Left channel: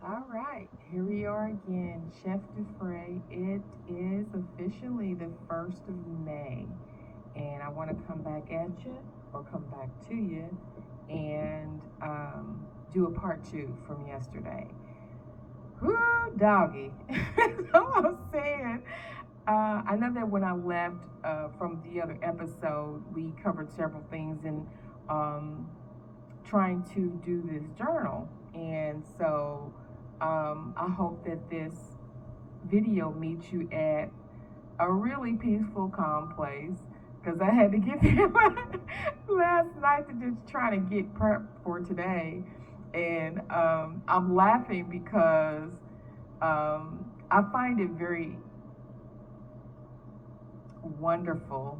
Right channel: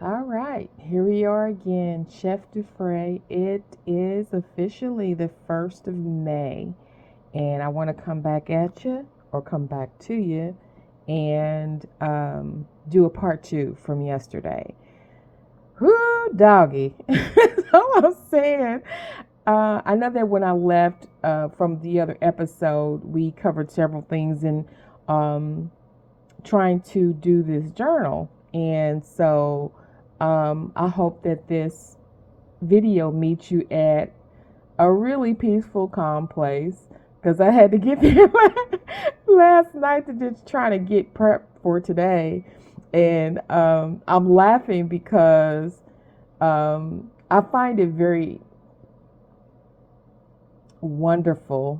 All right, here we are again, Chef Dufresne. It is officially the 1st of May, and I want to come back at you or come back to you and do a part two from yesterday. Whoo, doggy. That's all I'm saying. I know that when I left from the other episode, we covered several things in um, trying to do this journal. And so I hope that this video meets you at a really peaceful, calm place because I had to get there last night to just try to get prepped for today. And I'm laughing because I find it very wonderful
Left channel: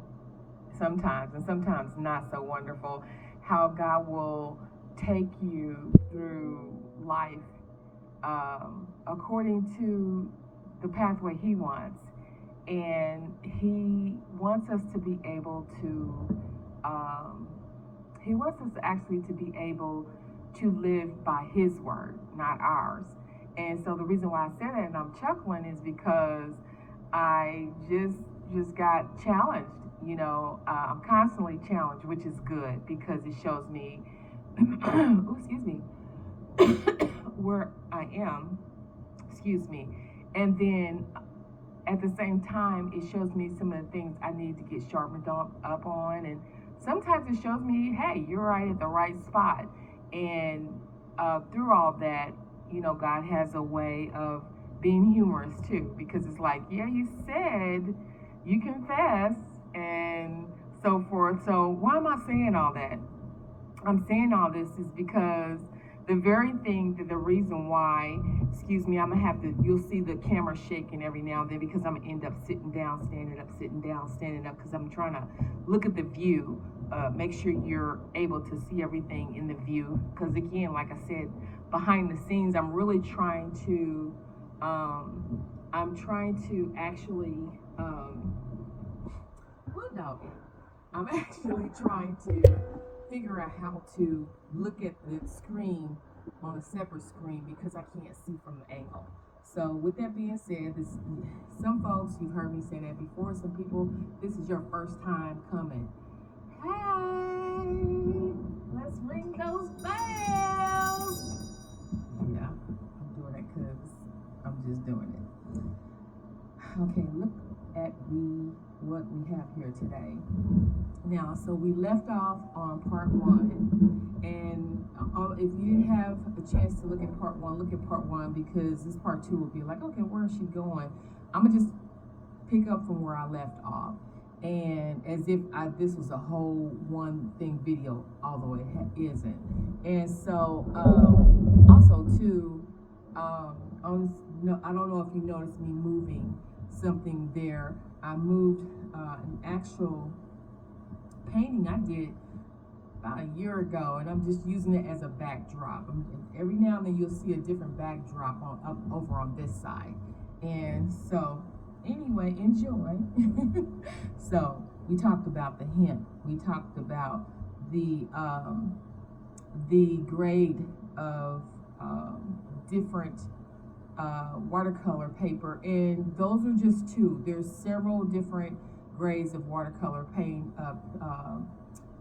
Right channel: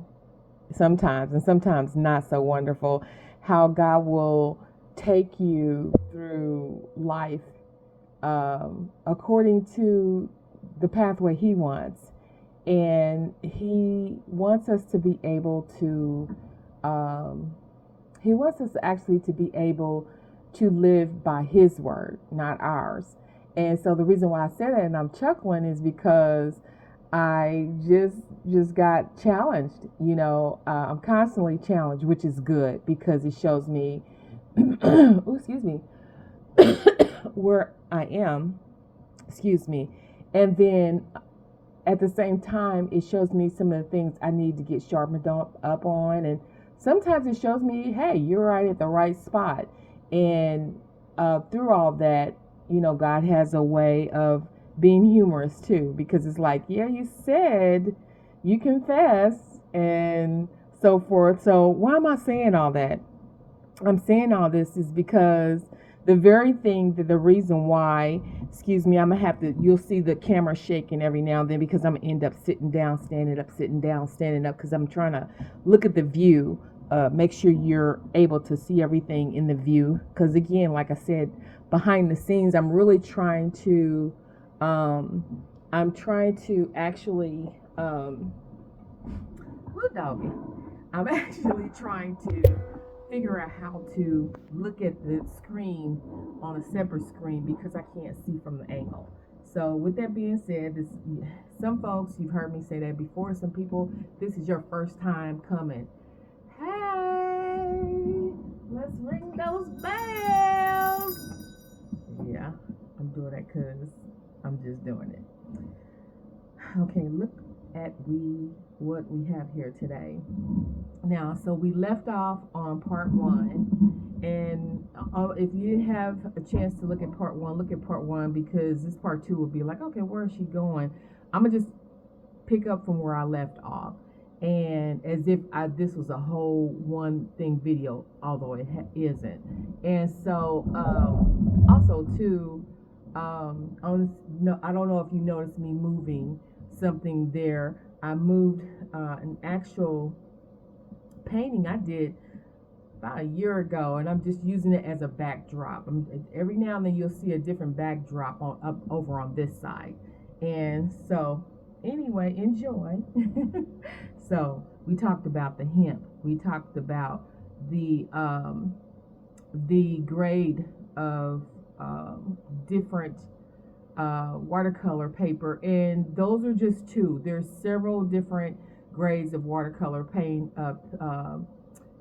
sometimes, and sometimes not so wonderful, how God will take you through life according to the pathway He wants. And He wants us to be able to, He wants us actually to be able to live by His word, not ours. And so the reason why I say that and I'm chuckling is because I just got challenged. I'm constantly challenged, which is good because it shows me, ooh, excuse me, where I am. Excuse me, and then at the same time, it shows me some of the things I need to get sharpened up on, and sometimes it shows me, hey, you're right at the right spot. And through all that, God has a way of being humorous too, because it's like, yeah, you said, you confess, and so forth. So why am I saying all that? I'm saying all this is because the very thing that the reason why, excuse me, I'm gonna have to, you'll see the camera shaking every now and then because I'm gonna end up sitting down, standing up, sitting down, standing up, because I'm trying to look at the view, make sure you're able to see everything in the view. Because again, like I said, behind the scenes, I'm trying to actually, woo doggy, I'm actually trying to figure out how to look at the screen on a separate screen because I can't see from the angle. So with that being said, some folks, you've heard me say that before. Some people, this is your first time coming. Hey, let's ring those bells. Yeah, I'm doing it because I'm just doing it. Okay, look at what we have here today. Now, so we left off on part one, and if you didn't have a chance to look at part one, look at part one because this part two will be like, okay, where is she going? I'm gonna just pick up from where I left off, and as if this was a whole one thing video, although it isn't. And so, also too, no, I don't know if you noticed me moving something there. I moved an actual painting I did about a year ago, and I'm just using it as a backdrop. Every now and then you'll see a different backdrop on up over on this side. And so anyway, enjoy. So we talked about the hemp. We talked about the grade of different watercolor paper, and those are just two. There's several different grades of watercolor paint.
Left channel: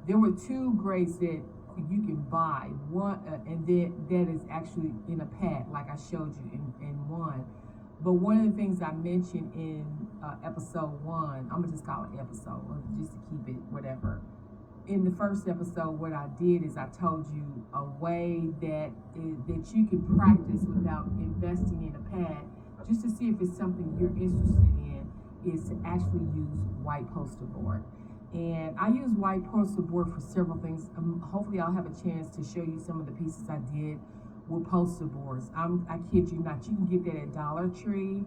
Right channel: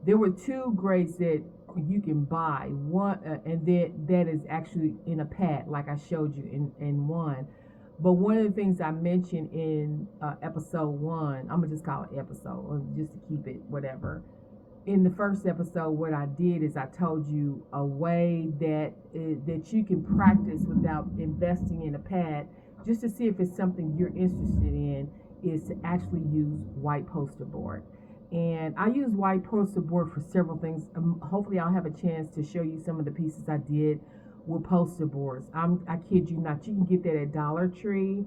There were two grades that you can buy. One, and then that is actually in a pad, like I showed you in one. But one of the things I mentioned in episode one, I'm gonna just call it episode, just to keep it whatever. In the first episode, what I did is I told you a way that you can practice without investing in a pad, just to see if it's something you're interested in, is to actually use white poster board. And I use white poster board for several things. Hopefully I'll have a chance to show you some of the pieces I did with poster boards. I kid you not, you can get that at Dollar Tree,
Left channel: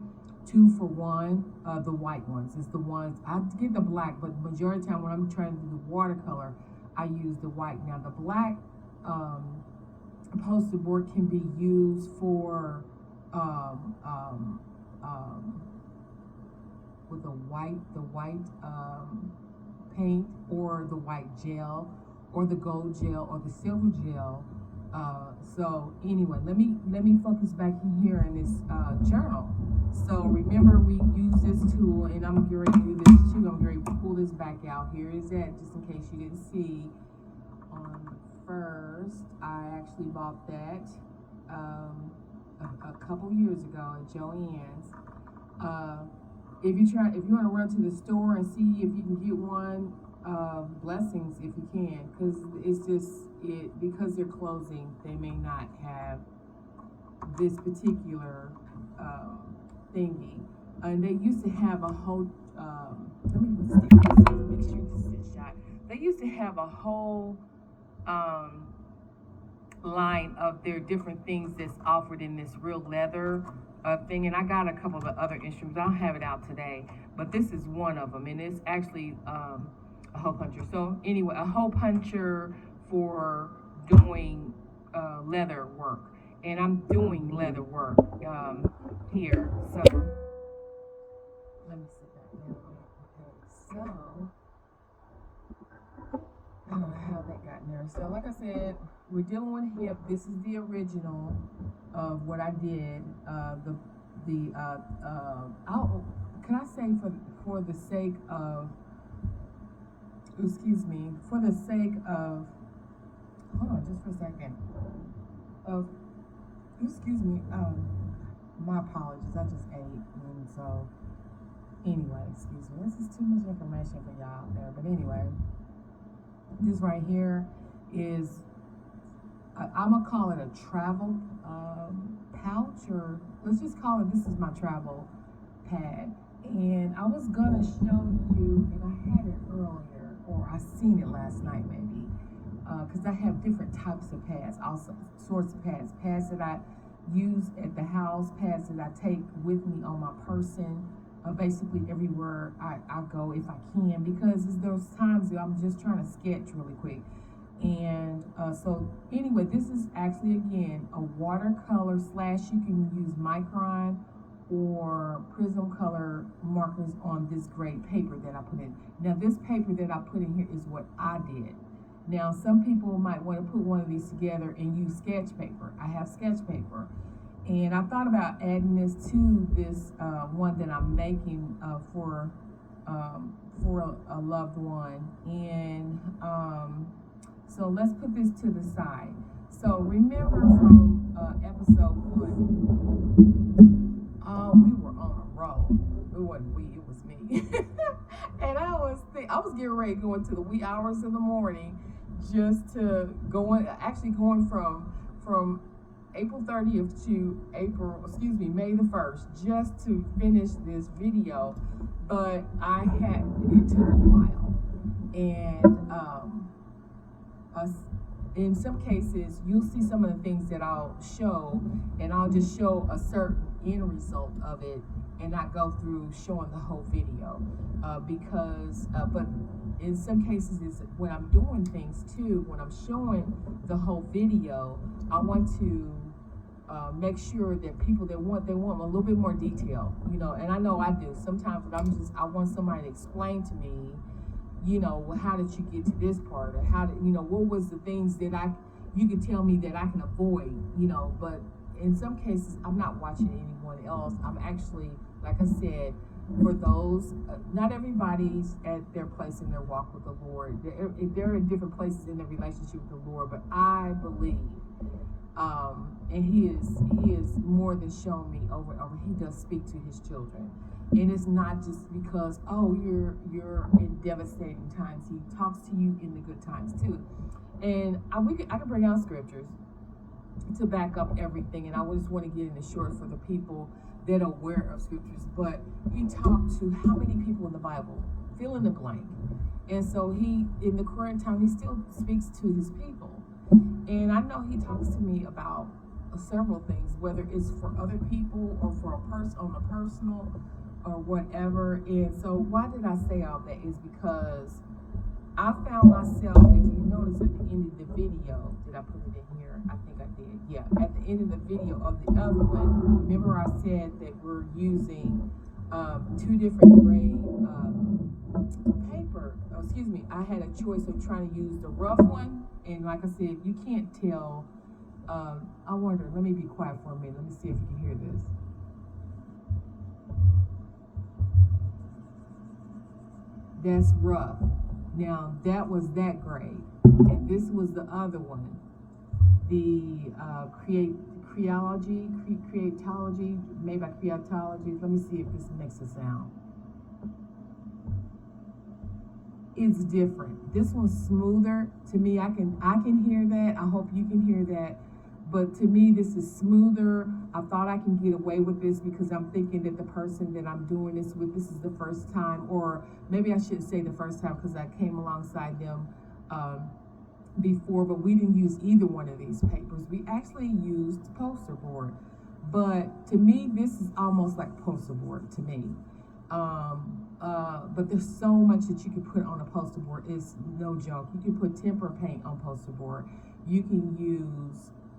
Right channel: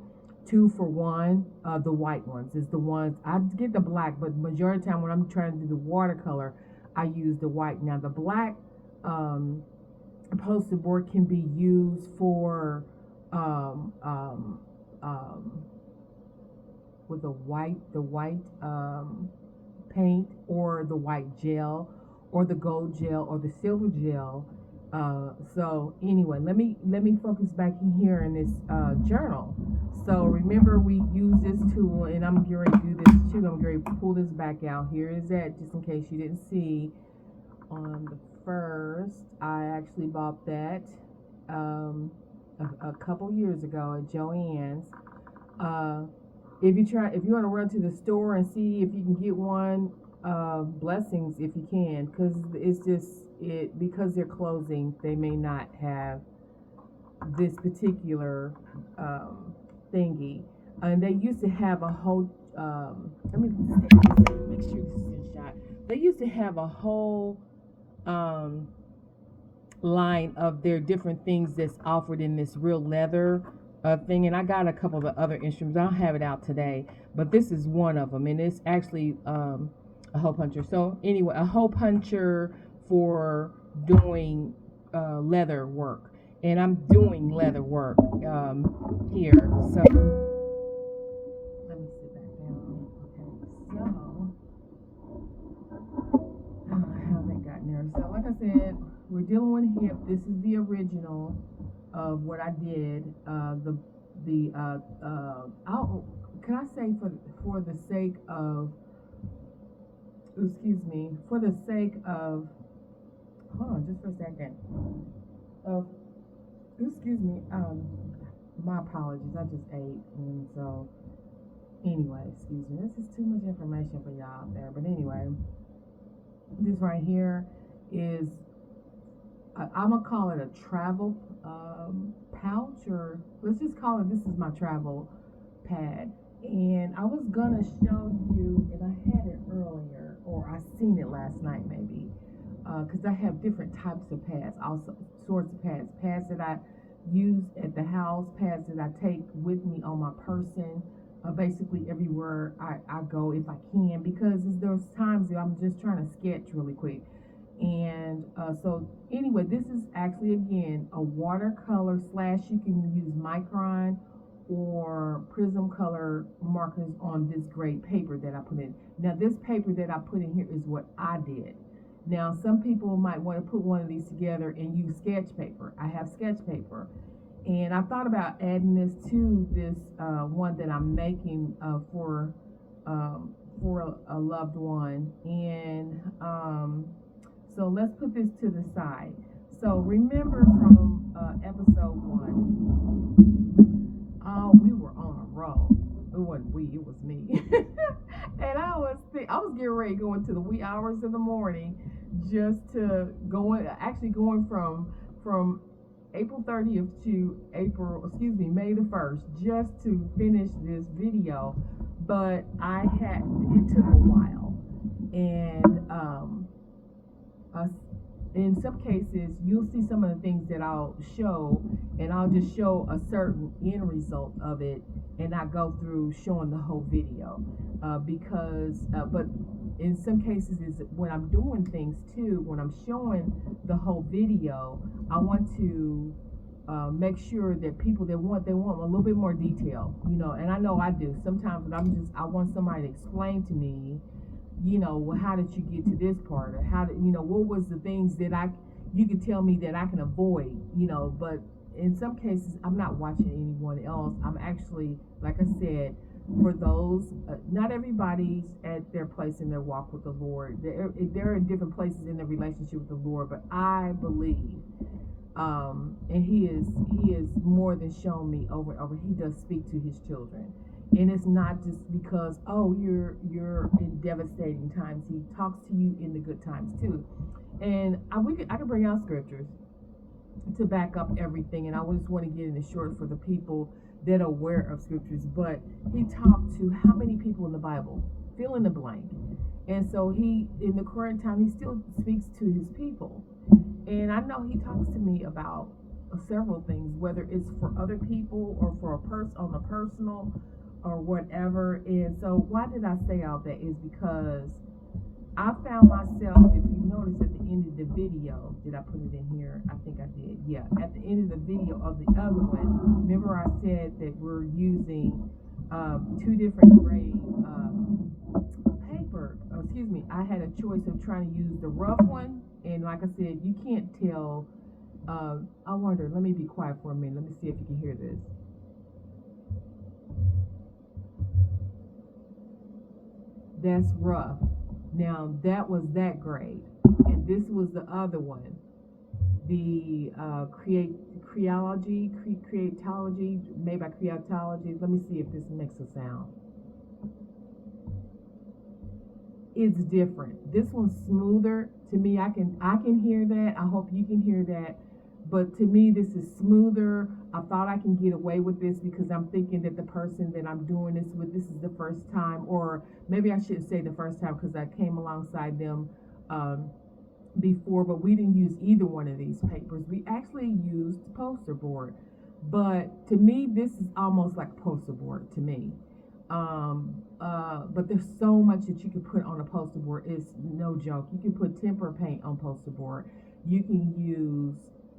2 for 1. The white ones is the ones I get the black, but majority of the time when I'm trying to do the watercolor, I use the white. Now the black poster board can be used for um, um, um, with the white paint, or the white gel, or the gold gel, or the silver gel. So anyway, let me focus back here in this journal. So remember, we use this tool, and I'm going to do this too. I'm going to pull this back out. Here is that, just in case you didn't see. On the first, I actually bought that a couple years ago at Joann's. Uh, if you want to run to the store and see if you can get one, blessings if you can, because it's just because they're closing, they may not have this particular thingy. And they used to have a whole. Let me make sure this is in shot. They used to have a whole um, line of their different things that's offered in this real leather thing, and I got a couple of the other instruments. I don't have it out today, but this is one of them, and it's actually a hole puncher. So anyway, a hole puncher for doing leather work, and I'm doing leather work here. So let me sit back down. Okay, so how that got in there. So like I said, we're dealing with hip. This is the original of what I did. Can I say for the sake of, excuse me, for the sake of, hold on just for a second, of, excuse me, my apologies, I just ate, and so, anyway, excuse me, this is too much information for y'all out there, but anyway, this right here is, I'm gonna call it a travel pouch, or let's just call it, this is my travel pad. And I was gonna show you, and I had it earlier, or I seen it last night maybe, because I have different types of pads, also sorts of pads that I use at the house, pads that I take with me on my person, basically everywhere I go if I can, because there's times that I'm just trying to sketch really quick. And so anyway, this is actually, again, a watercolor / you can use micron or prism color markers on this great paper that I put in. Now this paper that I put in here is what I did. Now some people might want to put one of these together and use sketch paper. I have sketch paper, and I thought about adding this to this one that I'm making for a loved one. And so let's put this to the side. So remember from episode 1, we were on a roll. It wasn't we, it was me. And I was getting ready to go into the wee hours of the morning, just to going from April 30th to May the 1st, just to finish this video. But it took a while, and in some cases you'll see some of the things that I'll show, and I'll just show a certain end result of it, and I go through showing the whole video, but in some cases is when I'm doing things too, when I'm showing the whole video, I want to make sure that people they want a little bit more detail, and I know I do sometimes, when I want somebody to explain to me, how did you get to this part, or what was the things that you could tell me that I can avoid, but in some cases I'm not watching anyone else. I'm actually, like I said, for those, not everybody's at their place in their walk with the Lord. There are different places in their relationship with the Lord, but I believe, and he is more than shown me over and over, he does speak to his children. And it's not just because, you're in devastating times. He talks to you in the good times too. And I can bring out scriptures to back up everything. And I just want to get in it short for the people that are aware of scriptures. But he talked to how many people in the Bible? Fill in the blank. And so in the current time, he still speaks to his people. And I know he talks to me about several things, whether it's for other people or for on the personal or whatever. And so why did I say all that is because I found myself, if you notice at the end of the video, did I put it in here? I think I did. Yeah, at the end of the video of the other one, remember I said that we're using 2 different grade paper. I had a choice of trying to use the rough one, and like I said, you can't tell I wonder, let me be quiet for a minute. Let me see if you can hear this. That's rough. Now, that was that grade. And this was the other one. The creatology, made by creatology. Let me see if this makes a sound. It's different. This one's smoother. To me, I can hear that. I hope you can hear that. But to me, this is smoother. I thought I can get away with this because I'm thinking that the person that I'm doing this with, this is the first time, or maybe I shouldn't say the first time because I came alongside them before, but we didn't use either one of these papers. We actually used poster board. But to me, this is almost like poster board to me. But there's so much that you can put on a poster board. It's no joke. You can put tempera paint on poster board. You can use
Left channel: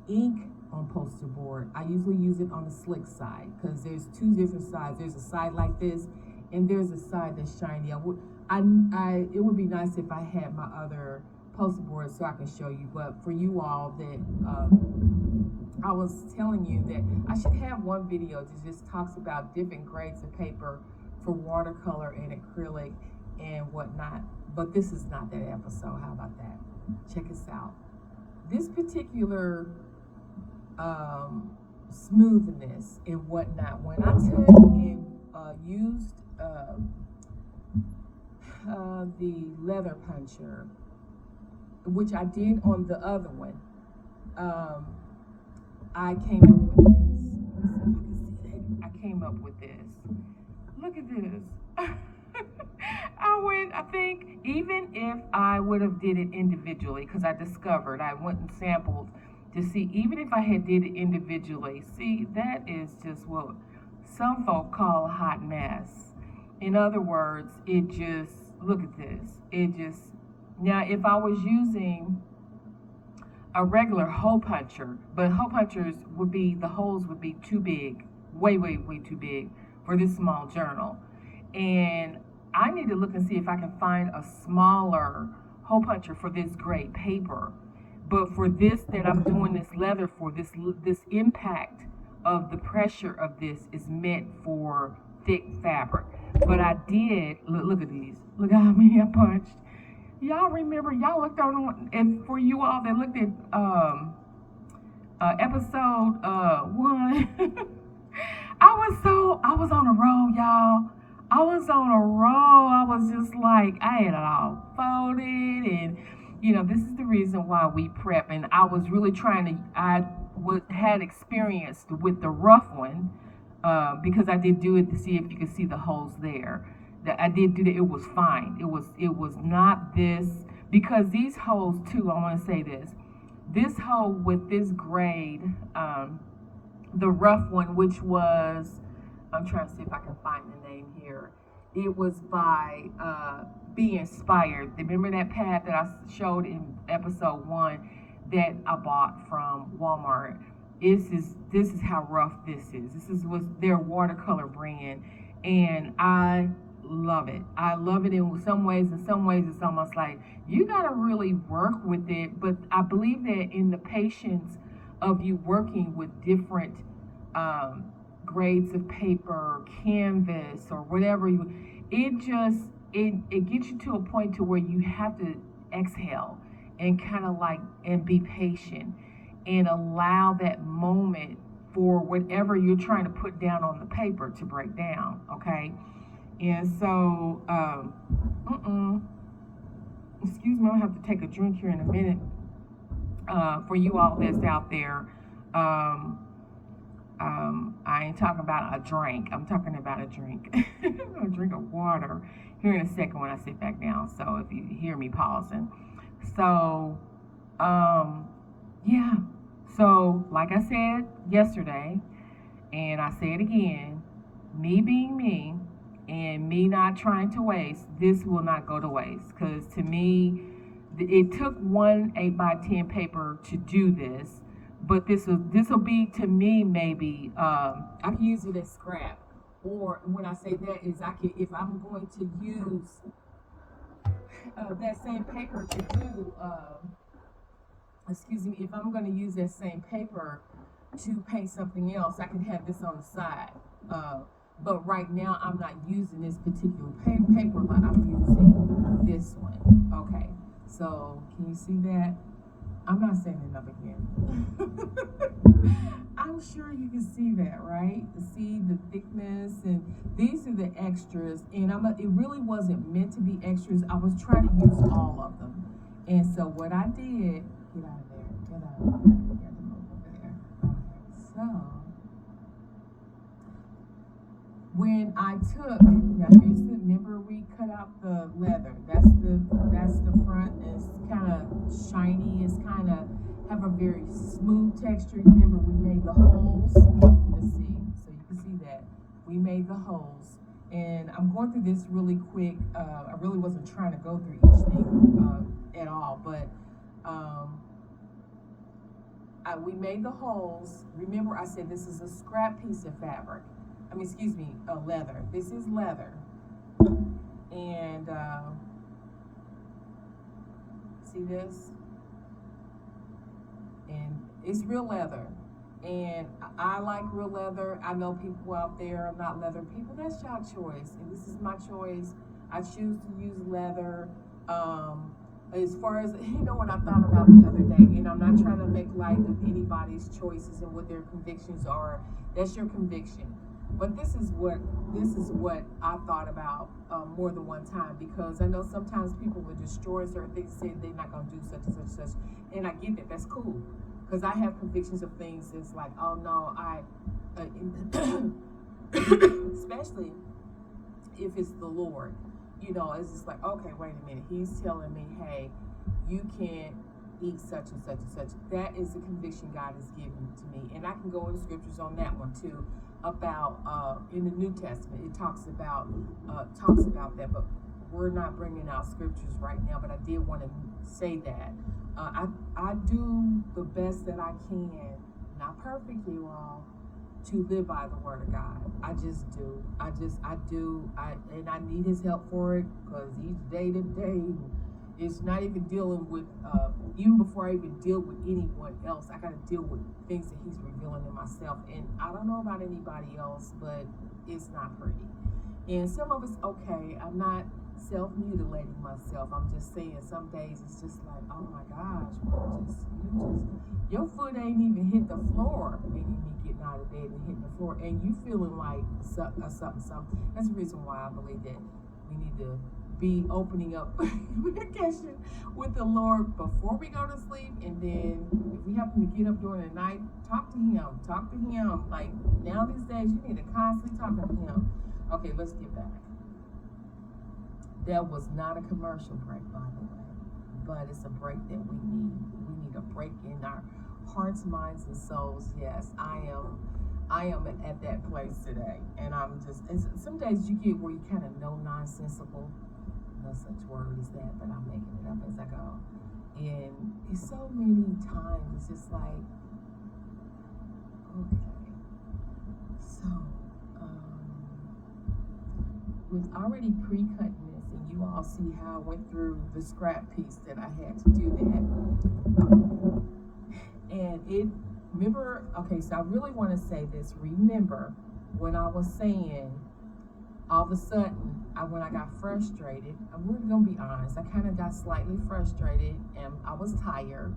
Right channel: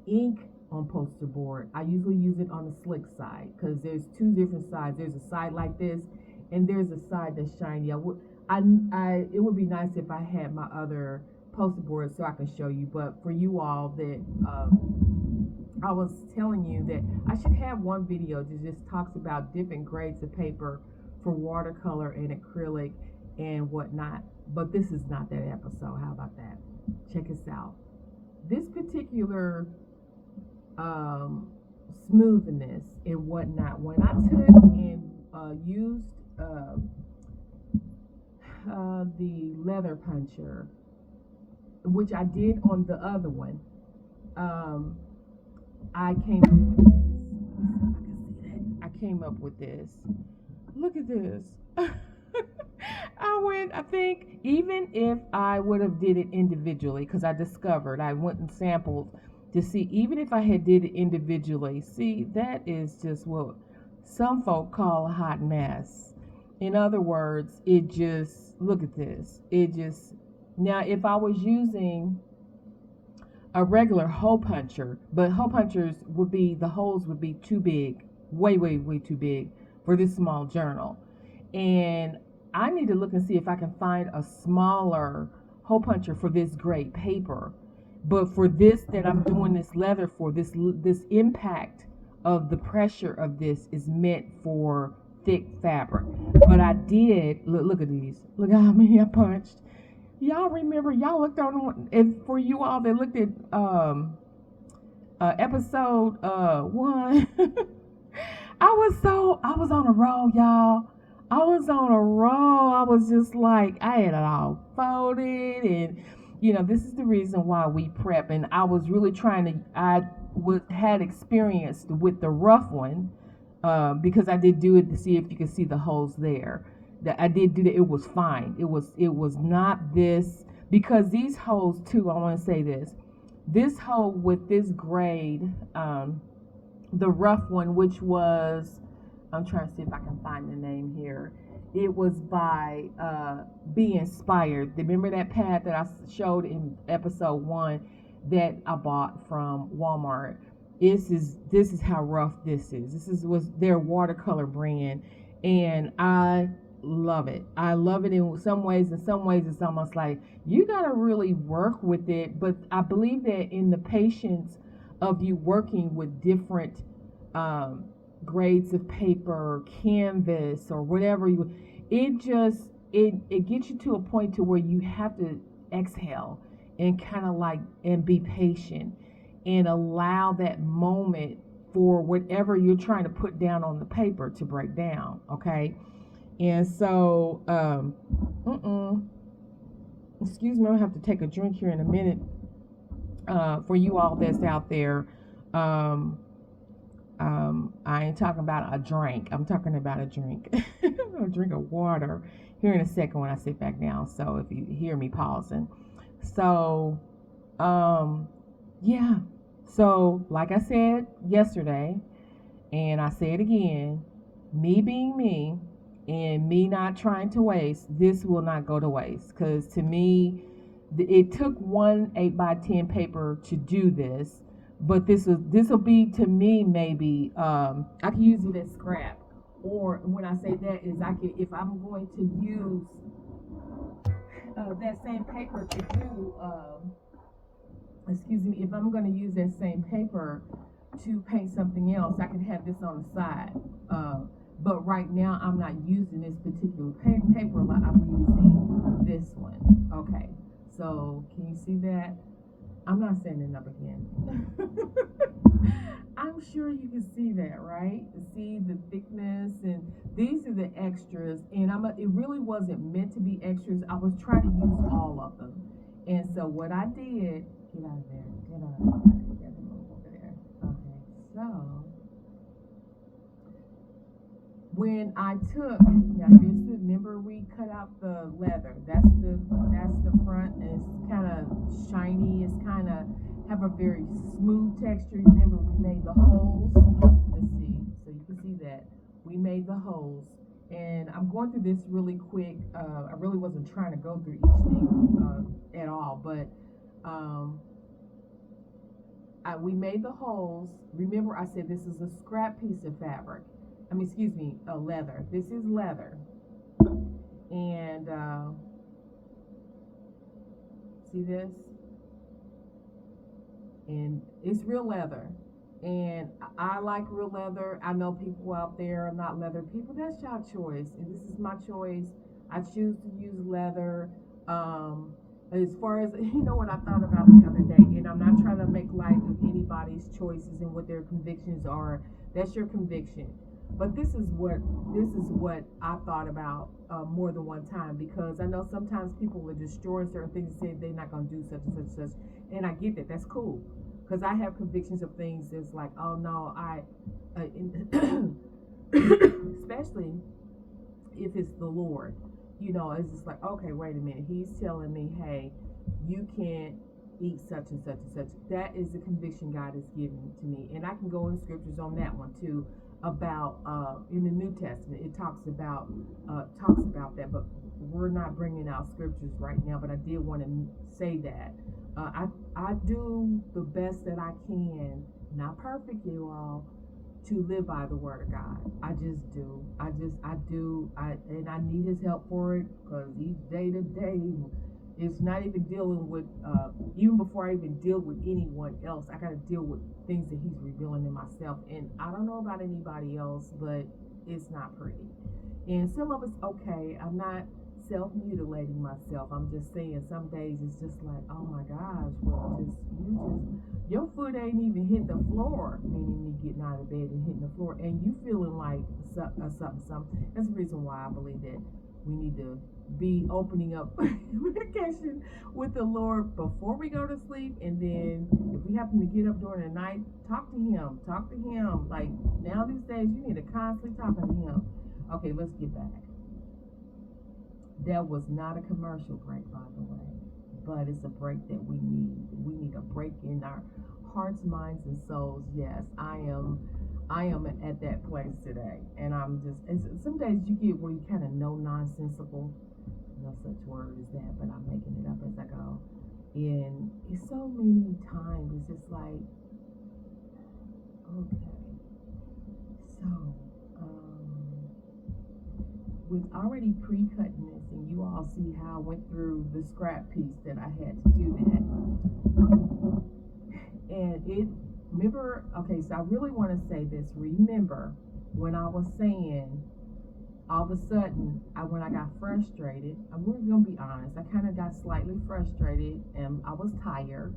ink on poster board. I usually use it on the slick side because there's two different sides. There's a side like this, and there's a side that's shiny. It would be nice if I had my other poster board so I can show you. But for you all that I was telling you that I should have one video that just talks about different grades of paper for watercolor and acrylic and whatnot. But this is not that episode. How about that? Check us out. This particular smoothness and whatnot, when I took and used the leather puncher, which I did on the other one, I came up with this. Let's see if I can see that. I came up with this. Look at this. I think even if I would have did it individually, because I discovered, I went and sampled to see, even if I had did it individually, see, that is just what some folk call a hot mess. In other words, it just, look at this. It just, now if I was using a regular hole puncher, but hole punchers would be, the holes would be too big, way, way, way too big for this small journal. And I need to look and see if I can find a smaller hole puncher for this grade paper. But for this that I'm doing this leather for, this impact of the pressure of this is meant for thick fabric. But I did, look at these. Look at how many I punched. Y'all remember, y'all looked on, and for you all that looked at episode 1, I was on a roll, y'all. I was on a roll. I was just like, I had it all folded, and this is the reason why we prep. And I was really trying to, had experienced with the rough one, because I did do it to see if you could see the holes there. That I did do that. It was fine. It was not this, because these holes too, I want to say this hole with this grade, the rough one, which was, I'm trying to see if I can find the name here. It was by Be Inspired. Remember that pad that I showed in episode 1 that I bought from Walmart? This is how rough this is. This was their watercolor brand, and I love it. I love it in some ways. In some ways, it's almost like you gotta really work with it. But I believe that in the patience of you working with different grades of paper, canvas, or whatever it gets you to a point to where you have to exhale and kind of like, and be patient and allow that moment for whatever you're trying to put down on the paper to break down. Okay. And so, excuse me, I'll have to take a drink here in a minute. For you all that's out there, I ain't talking about a drink. I'm talking about a drink. A drink of water here in a second when I sit back down. So if you hear me pausing. So, yeah. So, like I said yesterday, and I say it again, me being me, and me not trying to waste, this will not go to waste. Because to me, it took one 8x10 paper to do this, but this will be, to me, maybe I can use it as scrap. Or when I say that is, I can, if I'm going to use that same paper to do excuse me, if I'm going to use that same paper to paint something else, I can have this on the side. Uh, but right now, I'm not using this particular paper. I'm using this one. Okay, so can you see that? I'm not saying it up again. I'm sure you can see that, right? See the thickness, and these are the extras. And it really wasn't meant to be extras. I was trying to use all of them. And so what I did, get out of there, get out. You got to move over there. Okay, so when I took, now here's the, remember we cut out the leather. That's the front. And it's kind of shiny. It's kind of have a very smooth texture. Remember we made the holes. Let's see, so you can see that we made the holes. And I'm going through this really quick. I really wasn't trying to go through each thing at all, but um, we made the holes. Remember, I said this is a scrap piece of fabric. I mean, excuse me, leather. This is leather, and see this, and it's real leather. And I like real leather. I know people out there are not leather people. That's your choice. And this is my choice. I choose to use leather. As far as, you know what I thought about the other day, and I'm not trying to make light of anybody's choices and what their convictions are. That's your conviction. But this is what I thought about more than one time, because I know sometimes people will destroy certain things and say they're not going to do such and such and such, and I get that. That's cool, because I have convictions of things that's like, oh no, especially if it's the Lord, you know, it's just like, okay, wait a minute, He's telling me, hey, you can't eat such and such and such. That is the conviction God has given to me, and I can go in scriptures on that one too. About in the New Testament, it talks about that, but we're not bringing out scriptures right now. But I did want to say that I do the best that I can, not perfect, you all, to live by the word of God. I just do. I do. And I need His help for it, because each day to day, it's not even dealing with, even before I even deal with anyone else, I got to deal with things that He's revealing in myself. And I don't know about anybody else, but it's not pretty. And some of it's okay. I'm not self-mutilating myself. I'm just saying some days it's just like, oh my gosh, well, your foot ain't even hit the floor, meaning me getting out of bed and hitting the floor, and you feeling like something. That's the reason why I believe that we need to be opening up communication with the Lord before we go to sleep, and then if we happen to get up during the night, talk to Him. Like now these days, you need to constantly talk to Him. Okay, let's get back. That was not a commercial break, by the way, but it's a break that we need. We need a break in our hearts, minds, and souls. Yes, I am at that place today, and I'm just. Some days you get where you kind of know nonsensical. No such word as that, but I'm making it up as I go. And it's so many times it's just like, okay, so with already pre-cutting this, and you all see how I went through the scrap piece that I had to do that, and it. Remember, okay, so I really want to say this. Remember when I was saying, all of a sudden, when I got frustrated, we're going to be honest, I kind of got slightly frustrated, and I was tired,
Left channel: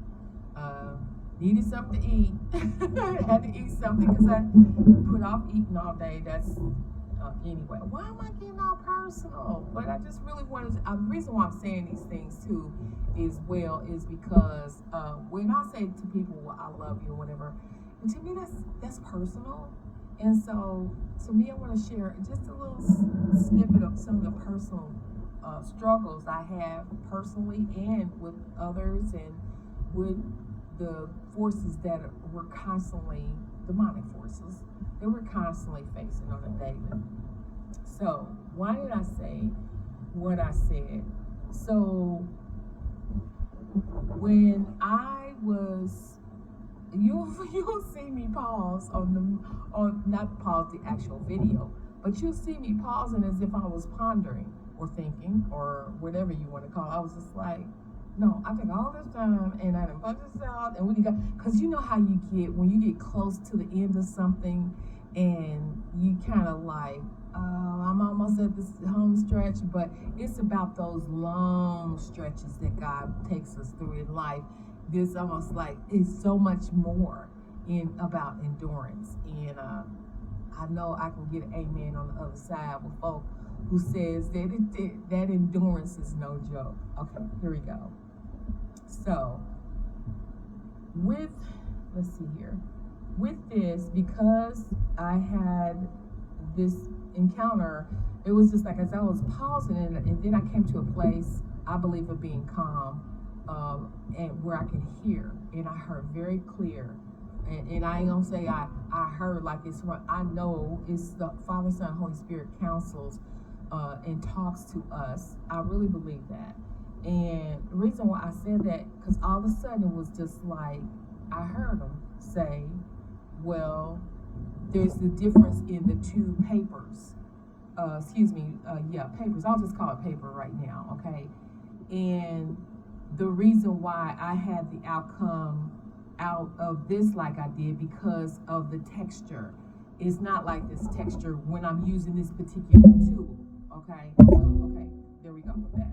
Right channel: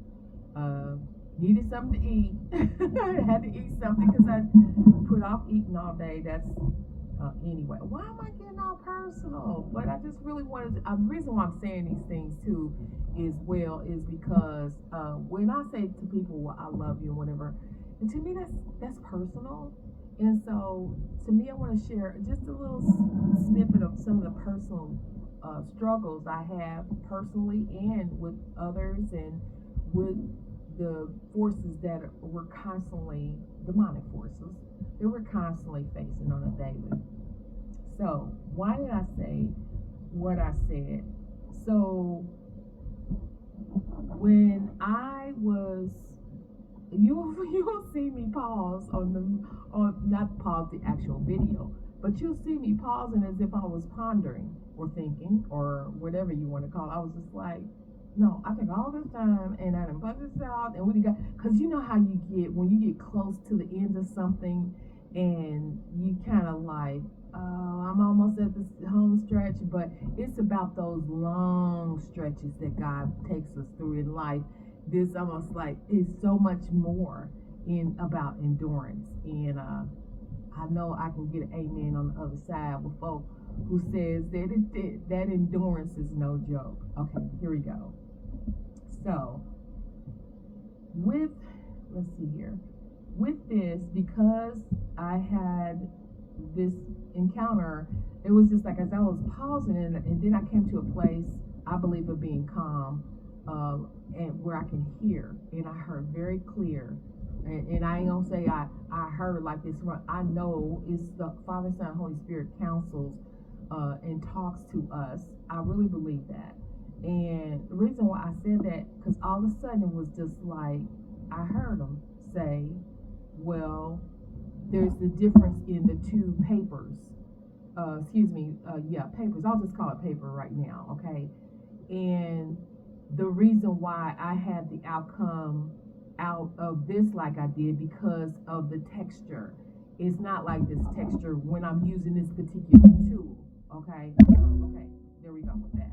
needed something to eat. I had to eat something because I put off eating all day. That's, anyway, why am I getting all personal? But I just really wanted to, the reason why I'm saying these things too is because when I say to people, well, I love you or whatever, and to me that's personal. And so, to me, I want to share just a little snippet of some of the personal struggles I have personally and with others, and with the forces that were constantly, demonic forces, that we're constantly facing on a daily. So, why did I say what I said? So, when I was, you'll see me pause not pause the actual video, but you'll see me pausing as if I was pondering or thinking or whatever you want to call it. I was just like, no, I took all this time and I done put this out and we got, cause you know how you get when you get close to the end of something, and you kind of like, I'm almost at this home stretch, but it's about those long stretches that God takes us through in life. This almost like it's so much more in about endurance, and I know I can get an amen on the other side with folk who says that that endurance is no joke. Okay, here we go. So, with, let's see here, with this, because I had this encounter, it was just like as I was pausing, and then I came to a place, I believe, of being calm, and where I can hear, and I heard very clear. And I ain't gonna say I heard like it's what I know it's the Father, Son, Holy Spirit counsels and talks to us. I really believe that. And the reason why I said that, because all of a sudden it was just like I heard him say, well, there's the difference in the two papers. Papers. I'll just call it paper right now, okay? And the reason why I had the outcome out of this like I did because of the texture. It's not like this texture when I'm using this particular tool, okay? So, okay, there we go with that.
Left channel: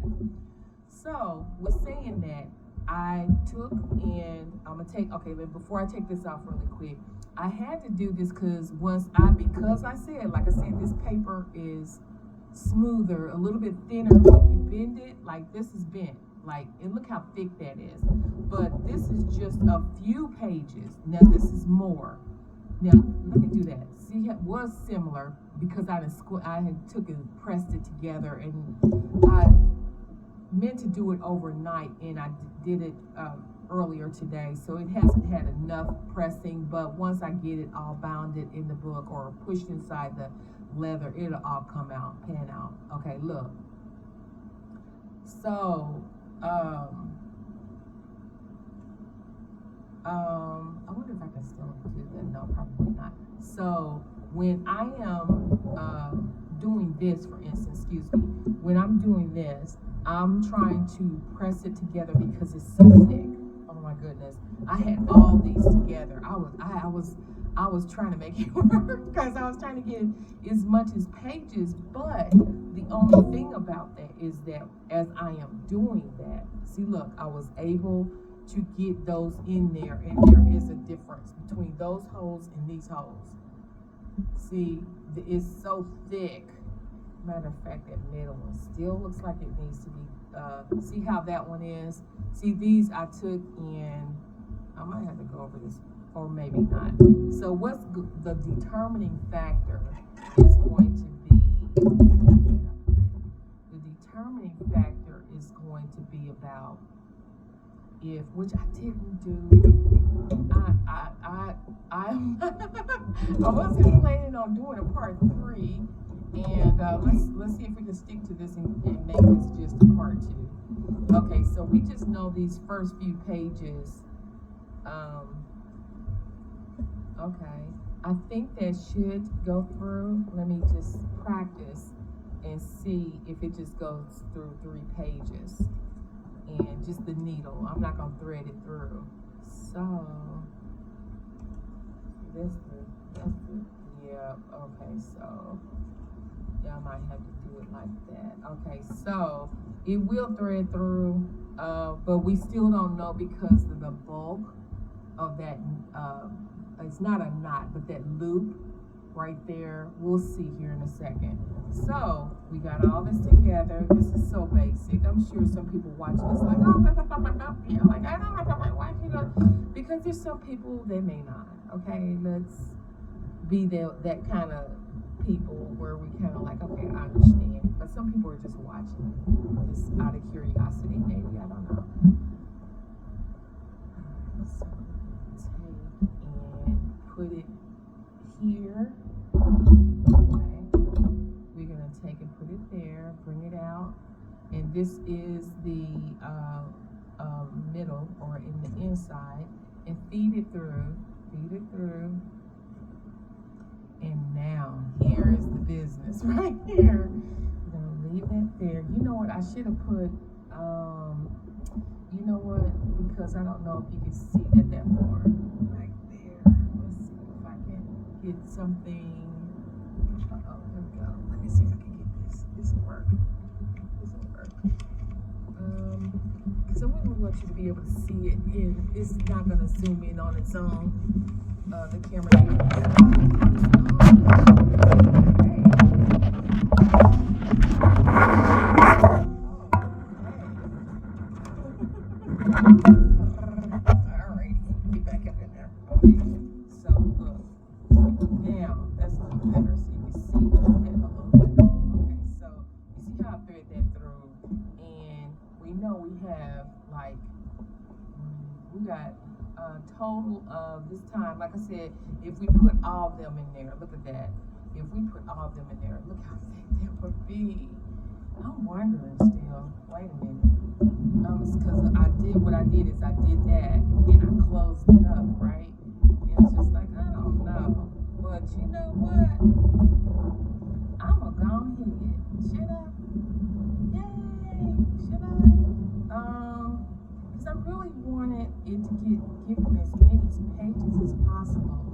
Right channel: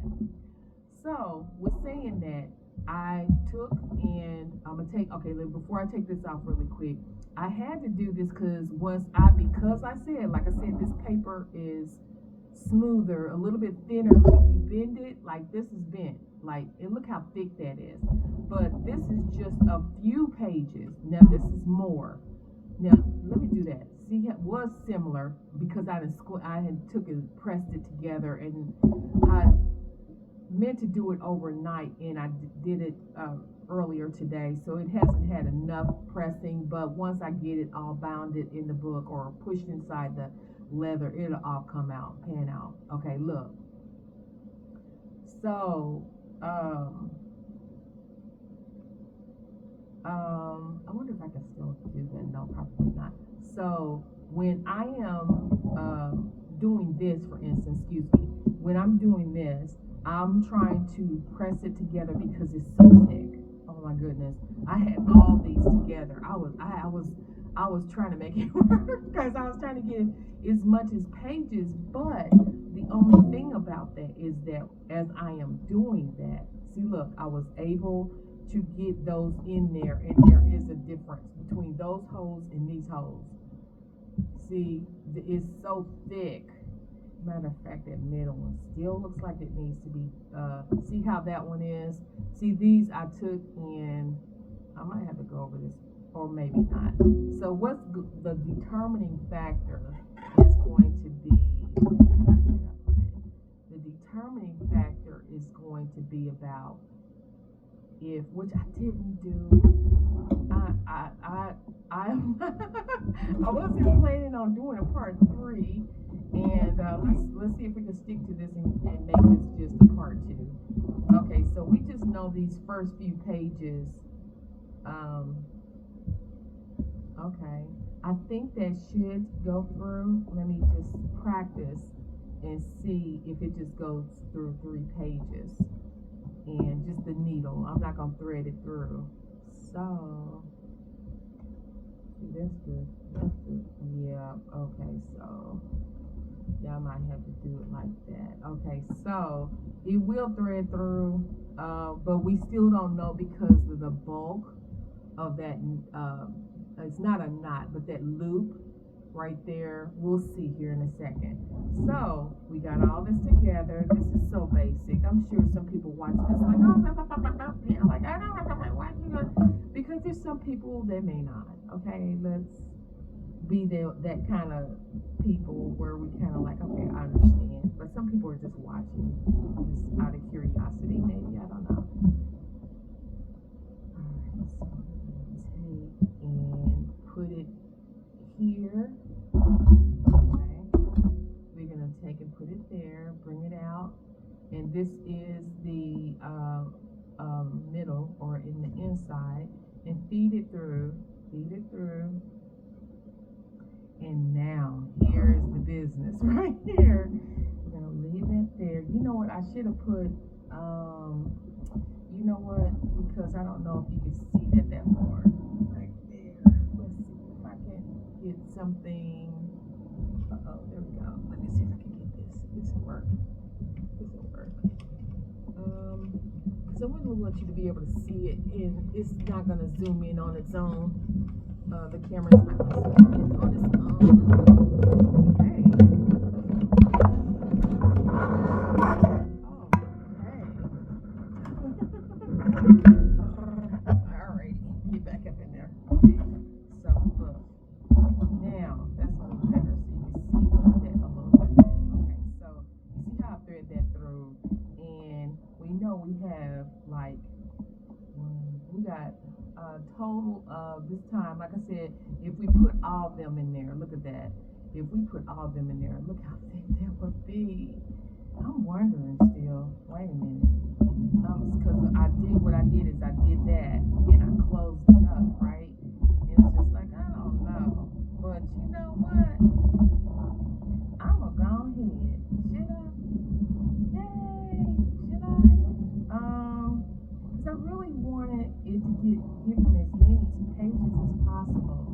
So, with saying that, I took and I'm gonna take, okay, before I take this off really quick, I had to do this because I said, like I said, this paper is smoother, a little bit thinner. When you bend it, like this is bent, like, and look how thick that is. But this is just a few pages. Now this is more. Now let me do that. See, it was similar because I had took and pressed it together, and I meant to do it overnight, and I did it earlier today, so it hasn't had enough pressing. But once I get it all bounded in the book or pushed inside the leather, it'll all come out, pan out. Okay, look. So, I wonder if I can still do that. No, probably not. So when I am doing this, for instance, excuse me, when I'm doing this, I'm trying to press it together because it's so thick. Oh my goodness! I had all these together. I was trying to make it work because I was trying to get as much as pages. But the only thing about that is that as I am doing that, see, look, I was able to get those in there, and there is a difference between those holes and these holes. See, it's so thick. Matter of fact, that middle one still looks like it needs to be, see how that one is? See, these I took in, I might have to go over this, or maybe not. So what's the determining factor is going to be, the determining factor is going to be about which I didn't do. I I wasn't planning on doing a part 3, and let's see if we can stick to this and make this just a part 2. Okay, so we just know these first few pages. Okay, I think that should go through. Let me just practice and see if it just goes through 3 pages. And just the needle. I'm not gonna thread it through. So that's the yeah, okay, so yeah, I might have to do it like that. Okay, so it will thread through, but we still don't know because of the bulk of that it's not a knot, but that loop right there. We'll see here in a second. So we got all this together. This is so basic. I'm sure some people watching this like, oh, yeah, like I don't know why you know, because there's some people that may not. Okay, let's be that kind of people where we kind of like, okay, I understand, but some people are just watching just out of curiosity, maybe, I don't know. So take and put it here. Okay, we're gonna take and put it there, bring it out, and this is the middle or in the inside, and feed it through, and now here is the business right here. We're gonna leave that there. You know what? I should have put, you know what? Because I don't know if you can see that far. Right there. Let's see if I can get something. Uh-oh, there we go. Let me see if I can get this. This will work. This will work. Because I wouldn't want you to be able to see it, and it's not going to zoom in on its own. The camera. Alrighty, get back up in there. Okay, so look, now that's a little better, so you can see that a little bit. Okay, so you see how I thread that through, and we know we have like we got a total of this time. Like I said, if we put all of them in there, look at that. If we put all of them in there, look how thick that would be. I'm wondering still. Wait a minute. Because I did what I did is I did that and I closed it up, right? And it's just like, I don't know. But you know what? I'm going to go ahead. Should I? Yay! Should I? Because I really wanted it to give them as many pages as possible.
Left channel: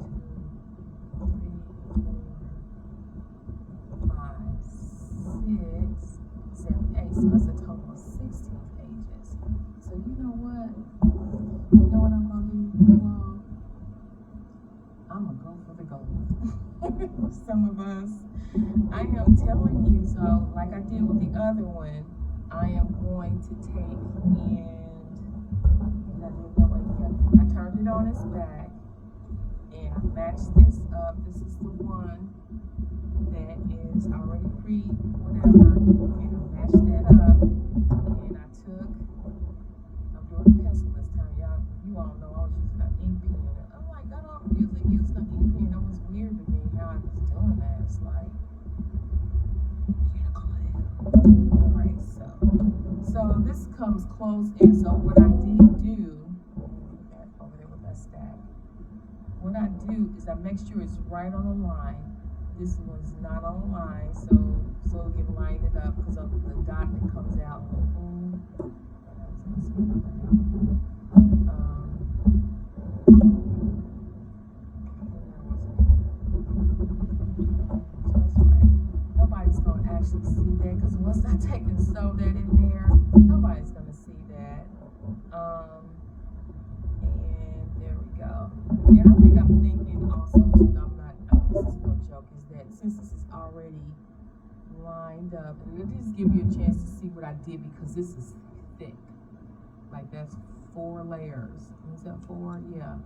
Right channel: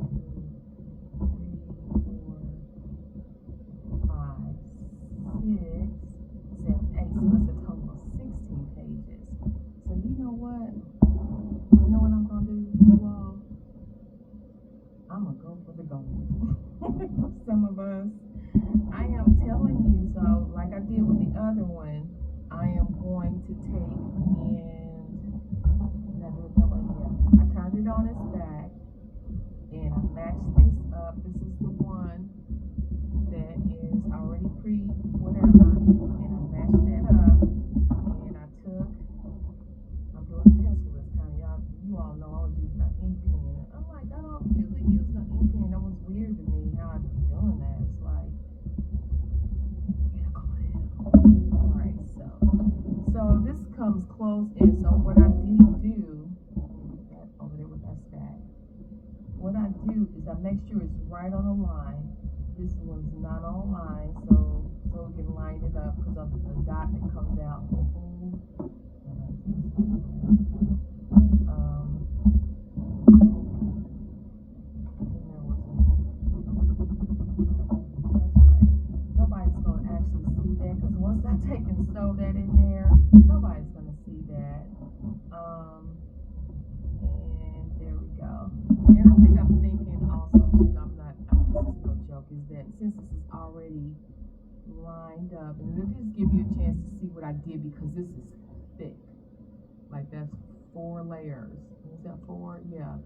2, 3, 4, 5, 6, 7, 8. So that's a total of 16 pages. So you know what? You know what I'm going to do, you all? I'm going to go for the gold. Some of us. I am telling you, so like I did with the other one, I am going to take and, did I do it that way? Yeah. I turned it on its back and I matched this up. This is the one that is already whatever, and I matched that up, and I took, I'm doing a pencil this time, you all know I was using an ink pen. I'm like, I don't usually use an ink pen. That was weird to me how I was doing that. It's like, alright, so this comes close in. So what I did do, put that over there with that stack. What I do is I make sure it's right on the line. This one's not on a line, so we can line it up because of the dot that comes out. Nobody's going to actually see that because once I take and sew that in there, nobody's going to see that. And there we go. And I think I'm thinking also too, this is no joke, is that since this is already lined up, and it'll just give you a chance to see what I did because this is thick. Like that's 4 layers. Is that 4? Yeah.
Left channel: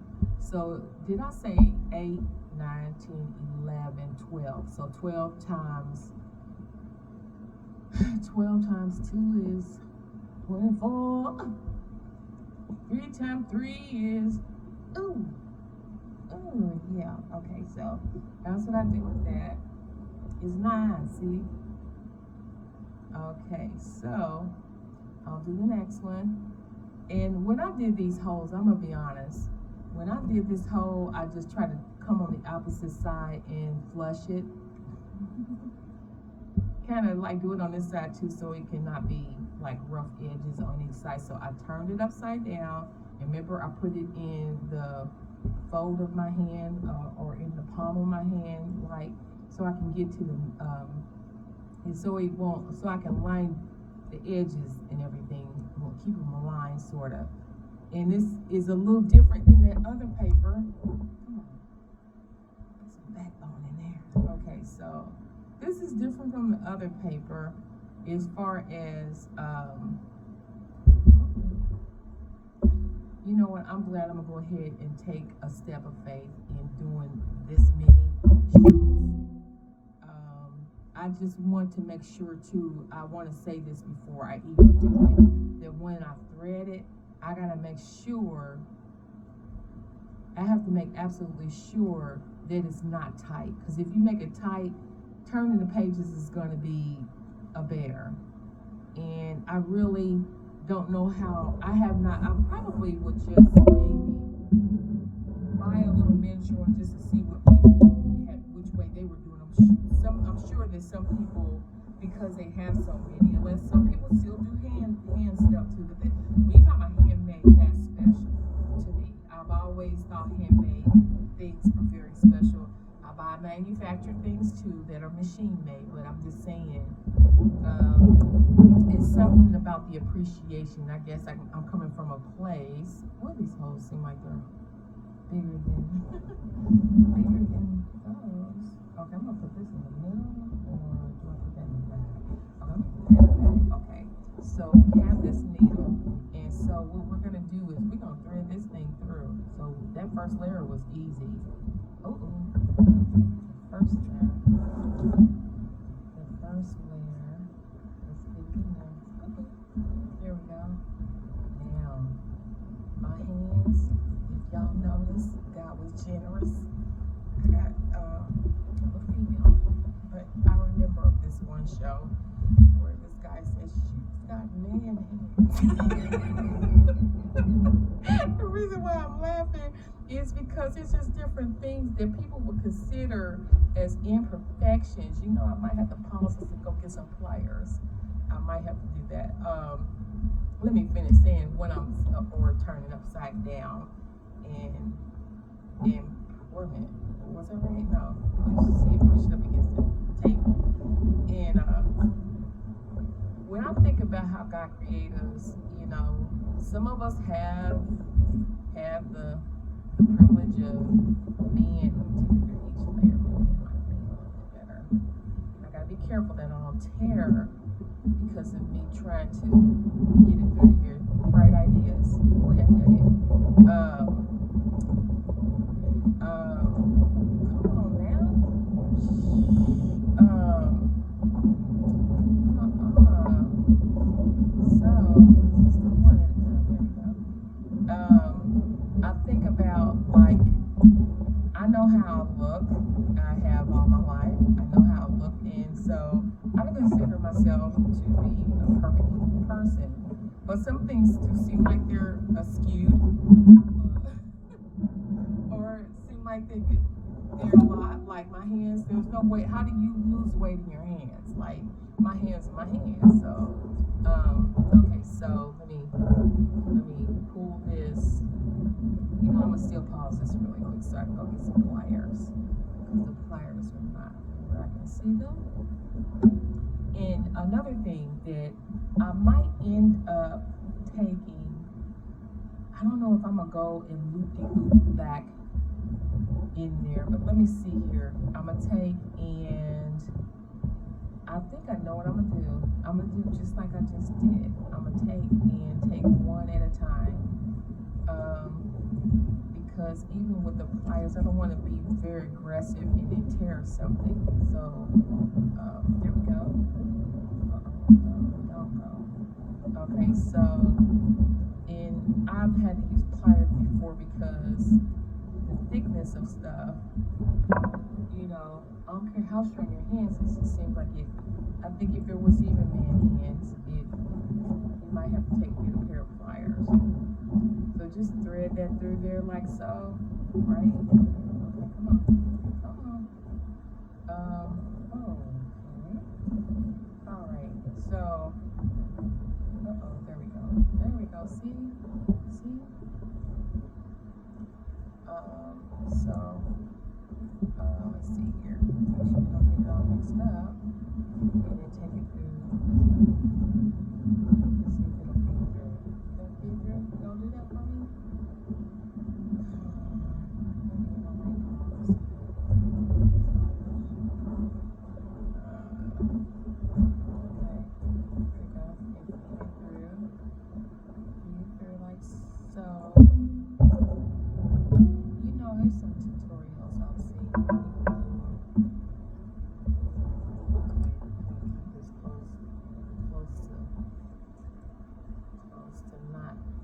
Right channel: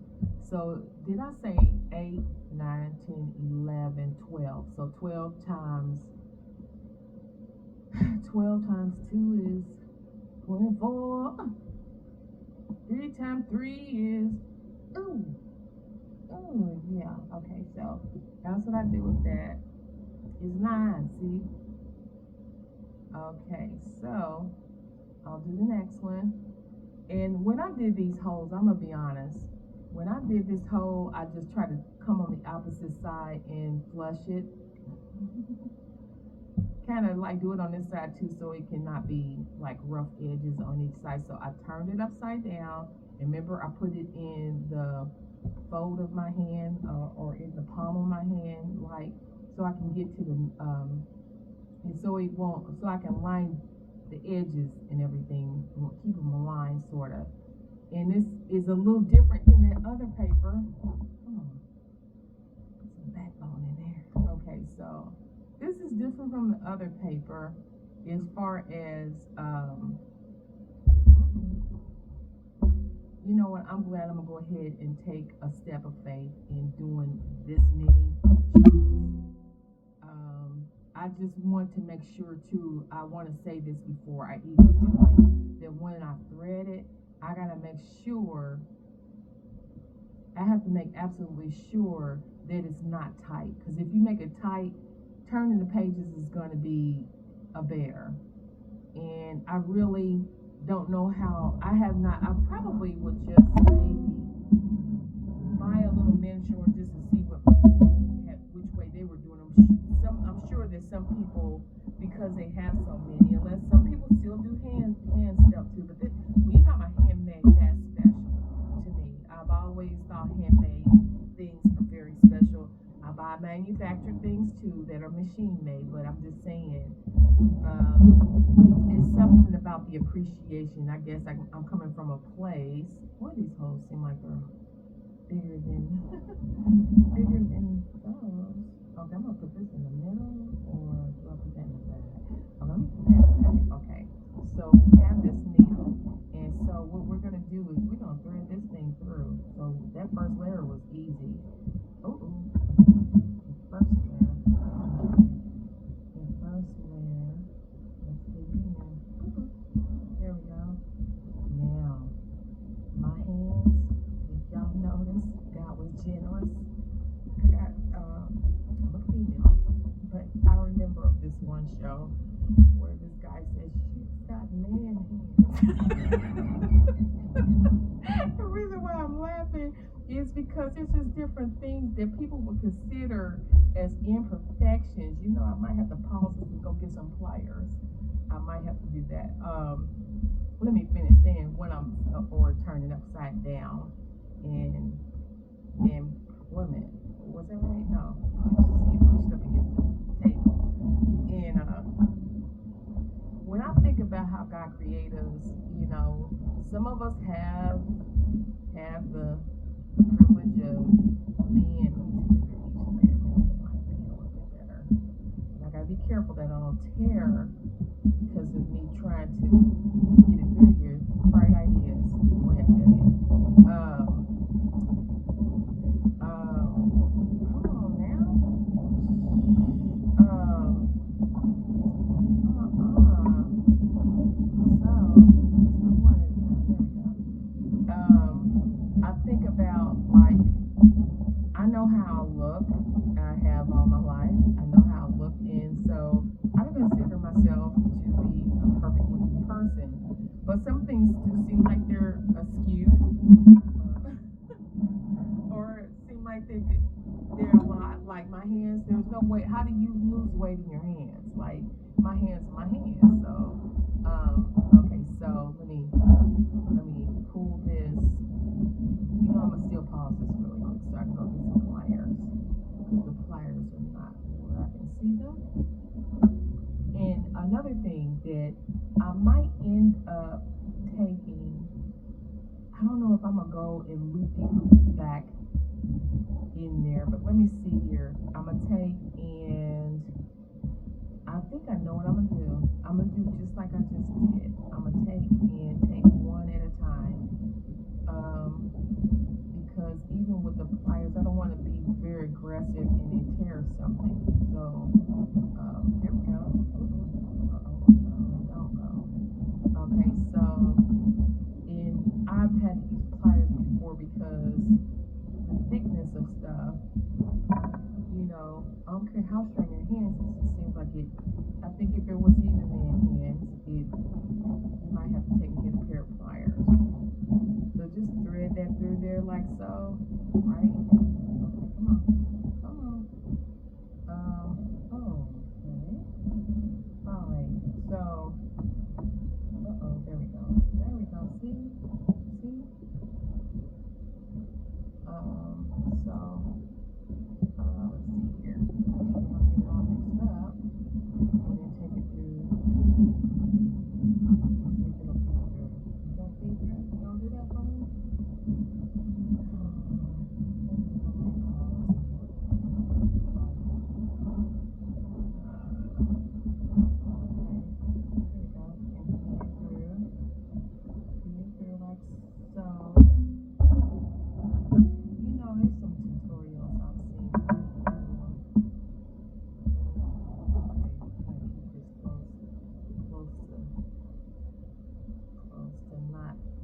So did I say 8, 9, 10, 11, 12? So 12 times 2 is 24. 3 times 3 is yeah. Okay, so that's what I do with that. Is 9, see? Okay, so I'll do the next one. And when I did these holes, I'm gonna be honest. When I did this hole, I just tried to come on the opposite side and flush it. Kind of like do it on this side too, so it cannot be like rough edges on each side. So I turned it upside down. And remember, I put it in the fold of my hand or in the palm of my hand, like so I can get to the and so it won't, so I can line the edges and everything, keep them aligned sort of. And this is a little different than that other paper. Come on, put some backbone in there. Okay, so this is different from the other paper as far as you know what, I'm glad I'm gonna go ahead and take a step of faith in doing this many sheets. I just want to make sure too, I want to say this before I even do it, that when I thread it, I gotta make sure, I have to make absolutely sure that it's not tight, because if you make it tight, turning the pages is gonna be a bear. And I really don't know how, I probably would just maybe buy a little miniature one just to see what people had, which way they were doing them. I'm sure that some people, because they have so many, unless some people still do hand stuff too, but manufacture things too that are machine made, but I'm just saying, it's something about the appreciation. I guess I'm coming from a place. Boy, these hoes seem like they're bigger than bigger than those. Okay, I'm gonna put this in the middle, or do I put that in the back? Okay, let me put that in the back. Okay, so we have this needle, and so what we're gonna do is we're gonna thread this thing through. So that first layer was easy. Oh, first layer. The first layer. Let's get it in there. There we go. Now, my hands, if y'all notice, God was generous. I got, I'm a female, but I remember this one show where this guy says, she's got man hands. The reason why I'm laughing is because it's just different things that people would consider as imperfections. You know, I might have to pause this and go get some pliers. I might have to do that. Let me finish saying when I'm or turn it upside down and wait a minute, was that right? No, see it pushed up against the table. And when I think about how God created us, you know, some of us have the privilege of being. Let me take it through each layer. Maybe that might be a little bit better. And I gotta be careful that I don't tear because of me trying to get it through here. Bright ideas, boy, I tell you. Come on now. So let's do one at a time. There we go. I think about like I know how I look. I have all my life. I know how I look, and so I don't consider myself to be a perfect person. But some things do seem like they're skewed, or seem like they're a lot. Like my hands, there's no way. How do you lose weight in your hands? Like my hands are my hands. So, okay. So let me pull this. You know, I'm gonna still pause this really quick so I can go get some pliers because the pliers are not where I can see them. And another thing that I might end up taking, I don't know if I'm gonna go and loop back in there, but let me see here. I'm gonna take and I think I know what I'm gonna do. I'm gonna do just like I just did. I'm gonna take one at a time. Because even with the pliers, I don't want to be very aggressive and then tear something. So there we go. Don't go. Okay, so and I've had to use pliers before because the thickness of stuff, you know, I don't care how strong your hands is, it seems like it. I think if it was even man hands, you might have to take and get a pair of pliers. So just thread that through there like so, right? Okay, come on. Okay. All right. So, there we go. See? So, let's see here. Make sure you don't get it all mixed up, and then take it through. Let's see if it'll feed through. Did that feed through? Don't do that for me.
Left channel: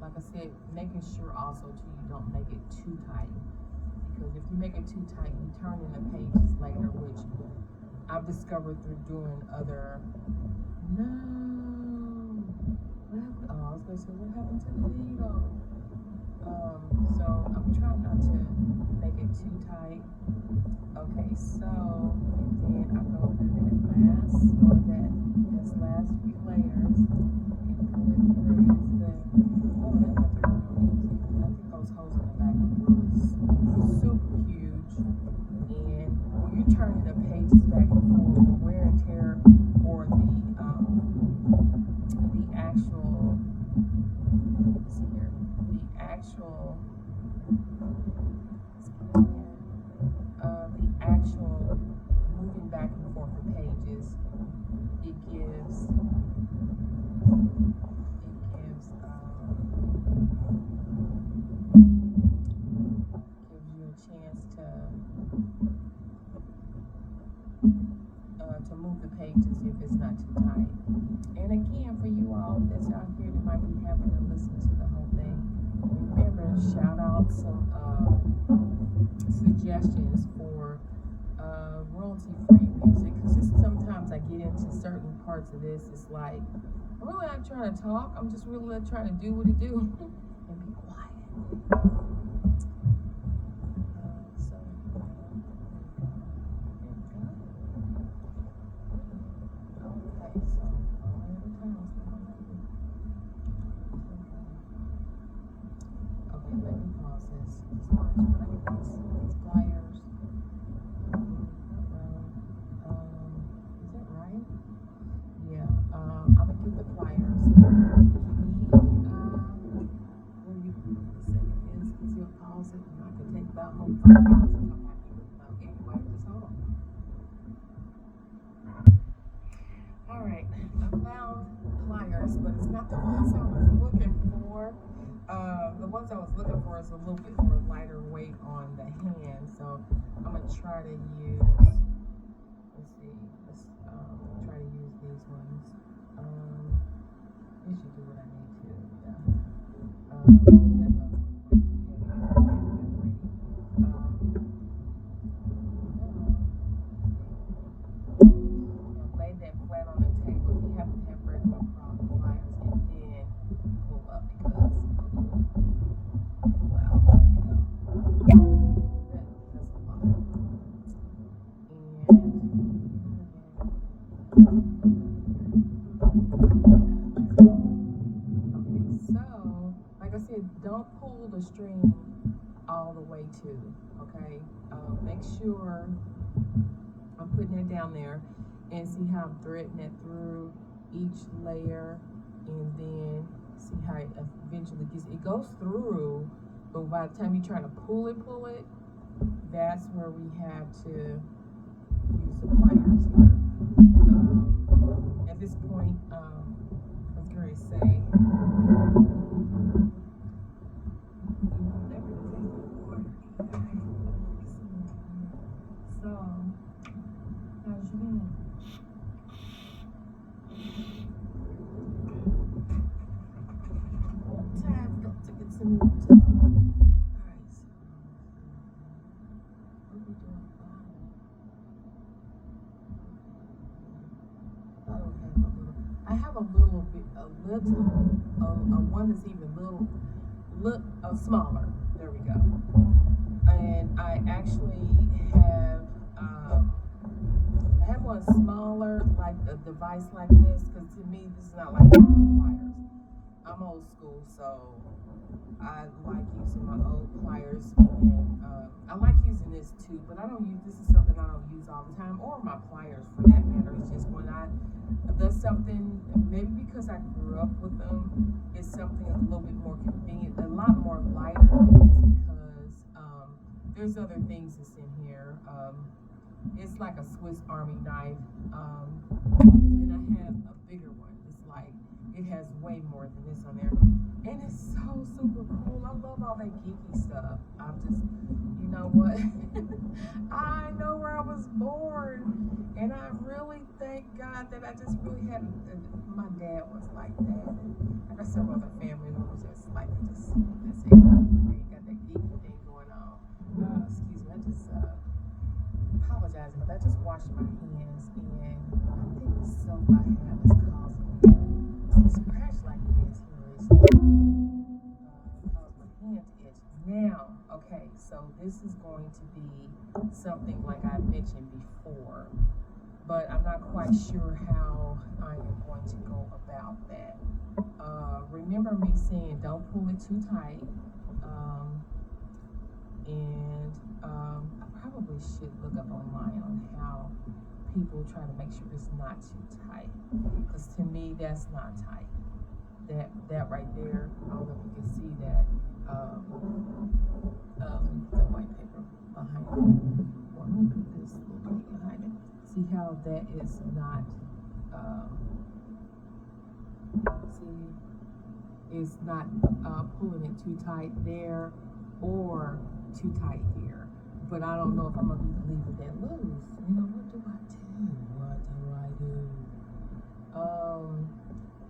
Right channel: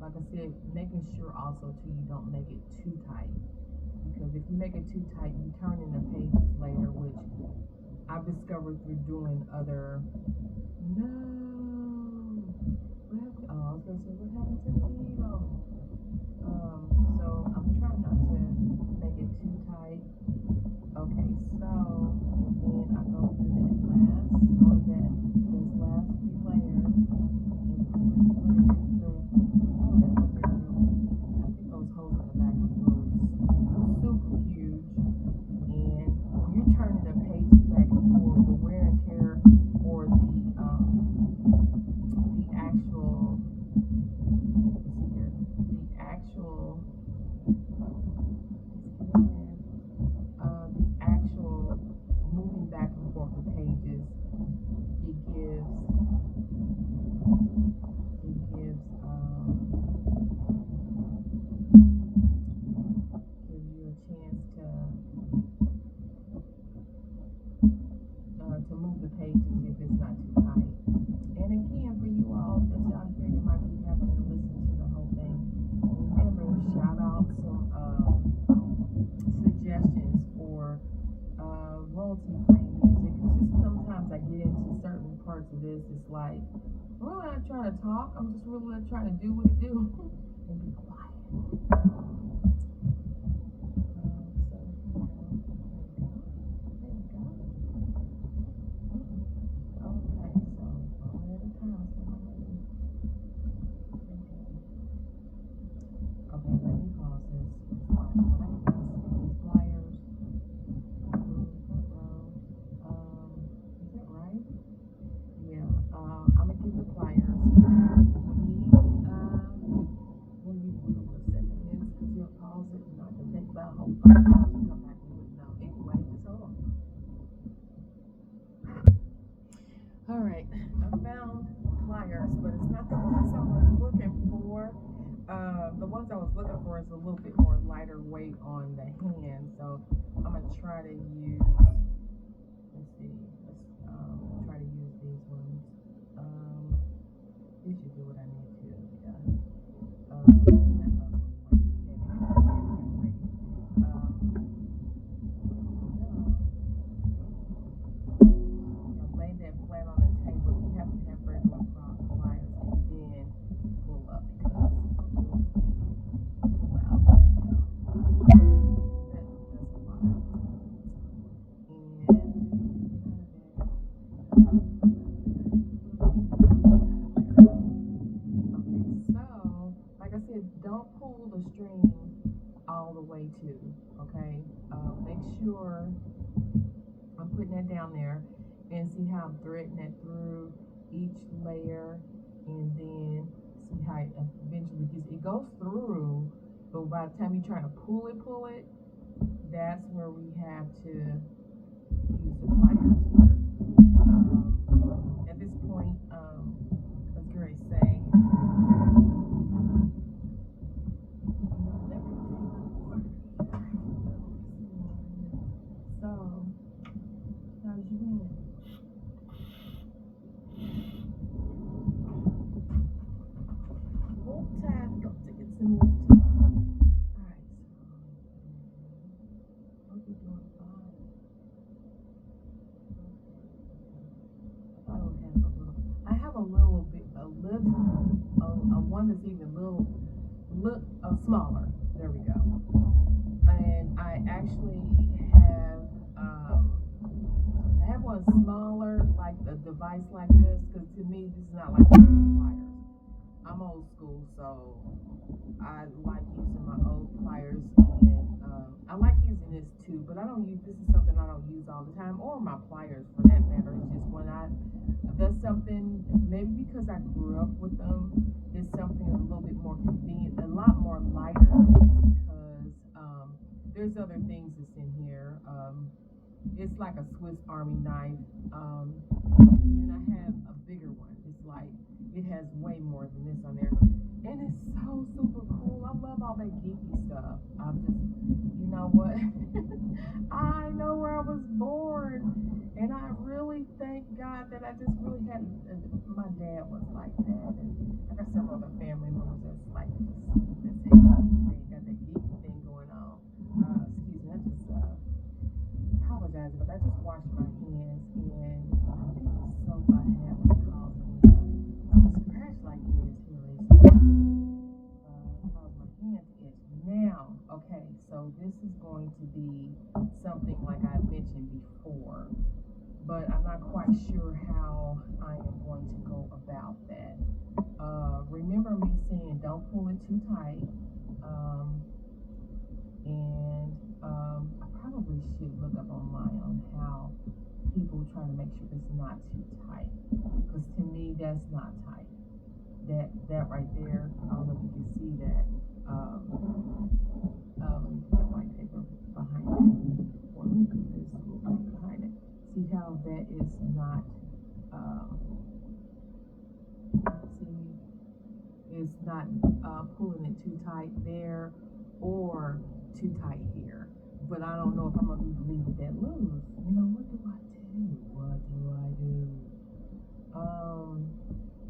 Like I said, making sure also too you don't make it too tight, because if you make it too tight, you turn in the pages later, which I've discovered through doing other. No, what happened? Oh, I was gonna say what happened to the needle. So I'm trying not to make it too tight. Okay, so and then I go through that last few layers and pull it through. It's the oh that might be really easy. I think those holes in the back are really super huge. And when you're turning the pages back and forth, the wear and tear, or the actual, let's see here, the actual, the actual moving back and forth the pages, it gives you a chance to move the pages if it's not too tight. And again, for you all that's out here that might be having to listen to the whole thing, remember, shout out some suggestions for royalty-free music, because sometimes I get into certain parts of this, it's like, I'm really not trying to talk, I'm just really trying to do what it do and be quiet. All right, I found pliers, but it's not the ones I was looking for. The ones I was looking for is a little bit more lighter weight on the hand, so I'm gonna try to use. Let's see. Let's try to use these ones. This should do what I need to. Yeah. Lay that flat on the table. If you happen to have regular pliers, and then pull up because well, there we go. That's a lot. Okay, so like I said, don't pull the string all the way to. Okay, make sure I'm putting that down there. And see how I'm threading it through each layer, and then see how it eventually it goes through, but by the time you try to pull it, that's where we have to use the pliers here. At this point, I was going to say, so, how's you been? I have a little bit, one that's even smaller. There we go. And I actually have, I have one smaller, like a device like this, because to me, this is not like pliers. I'm old school, so I like using my old pliers, and I like using this too, but this is something I don't use all the time, or my pliers for that matter. It's just when that's something, maybe because I grew up with them, it's something a little bit more convenient, a lot more lighter, because there's other things that's in here. It's like a Swiss Army knife, and I have a bigger one. It's like, it has way more than this on there. And it's so super cool. I love all that geeky stuff. I'm just, you know what? I know where I was born. And I really thank God that I just really had, my dad was like that. And I got some other family members that's like, that's it. They got that geeky thing going on. Excuse me, I just apologize, but I just washed my hands, and I think the soap I have is causing me to scratch like it is here recently. Caused my hand to itch. Now, okay, so this is going to be something like I mentioned before, but I'm not quite sure how I am going to go about that. Remember me saying don't pull it too tight, and I probably should look up online on people trying to make sure it's not too tight. Because to me, that's not tight. That right there, I don't know if you can see that. Let me put the white paper behind it. Or let me put this little thing behind it. See how that is not, it's not pulling it too tight there or too tight here. But I don't know if I'm going to leave it that loose. You know, what do I do? What do I do?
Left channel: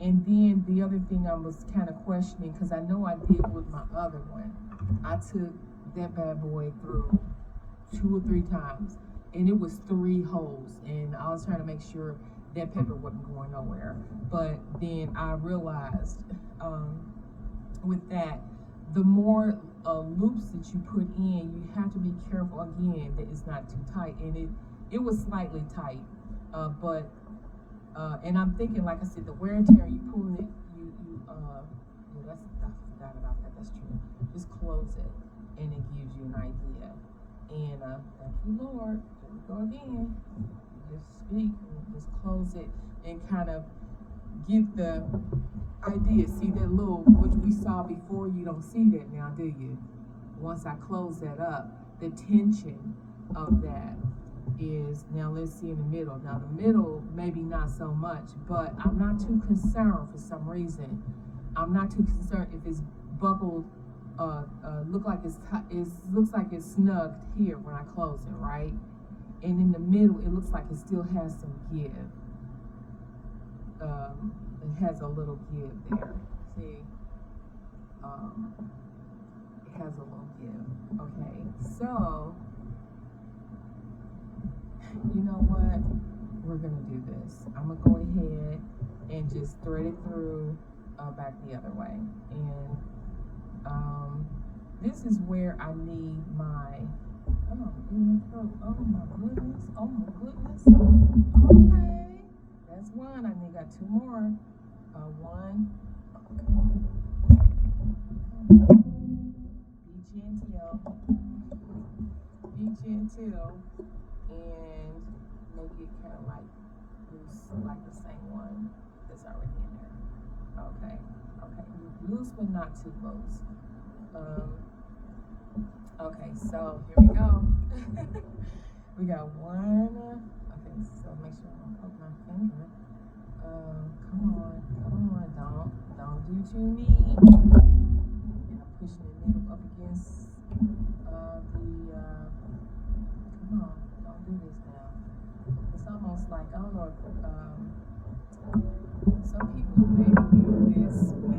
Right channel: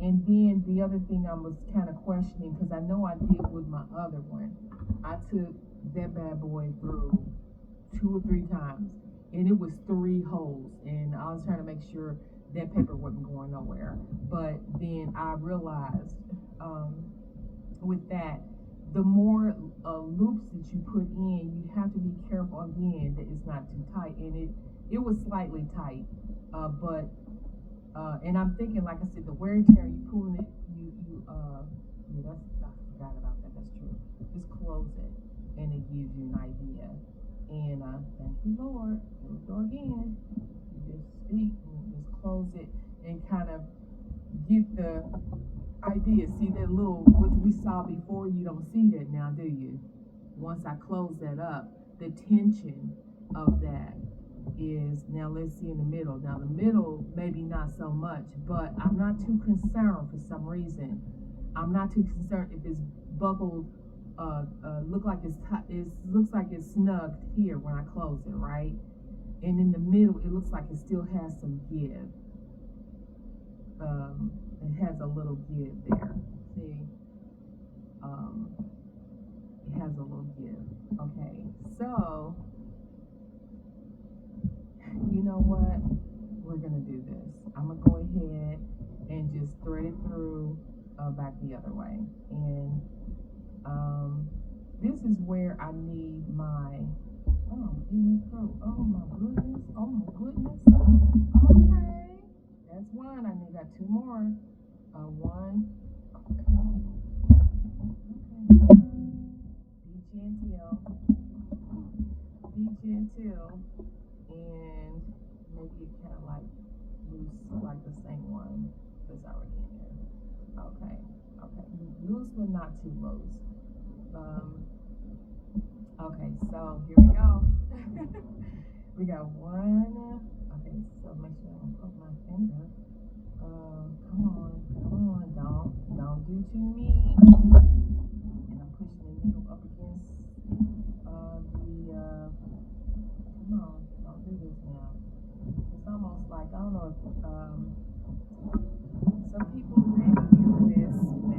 And then the other thing I was kind of questioning, because I know I did with my other one, I took that bad boy through 2 or 3 times, and it was 3 holes, and I was trying to make sure that paper wasn't going nowhere. But then I realized with that, the more loops that you put in, you have to be careful again that it's not too tight, and it was slightly tight, but and I'm thinking, like I said, the wear and tear, you pull it, yeah, I forgot about that, that's true. Just close it, and it gives you an idea. And thank you, Lord. Here we go again. You just speak, and just close it, and kind of get the idea. See that little, which we saw before, you don't see that now, do you? Once I close that up, the tension of that is, now let's see in the middle. Now the middle, maybe not so much, but I'm not too concerned for some reason. I'm not too concerned if it's buckled, looks like it's snugged here when I close it, right? And in the middle, it looks like it still has some give. It has a little give there. See? It has a little give. Okay, so you know what? We're gonna do this. I'm gonna go ahead and just thread it through back the other way. And this is where I need my, oh my goodness, oh my goodness. Okay, that's one. I think I got 2 more. One. Okay. Be gentle, and make it kind of like loose, like the same one that's already in there. Okay, loose but not too loose. Okay, so here we go. We got one. Okay, so make sure I don't poke my finger. Come on, don't do too neat. And I'm pushing the needle up against come on, don't do this now. It's almost like, I don't know if some people may view this, it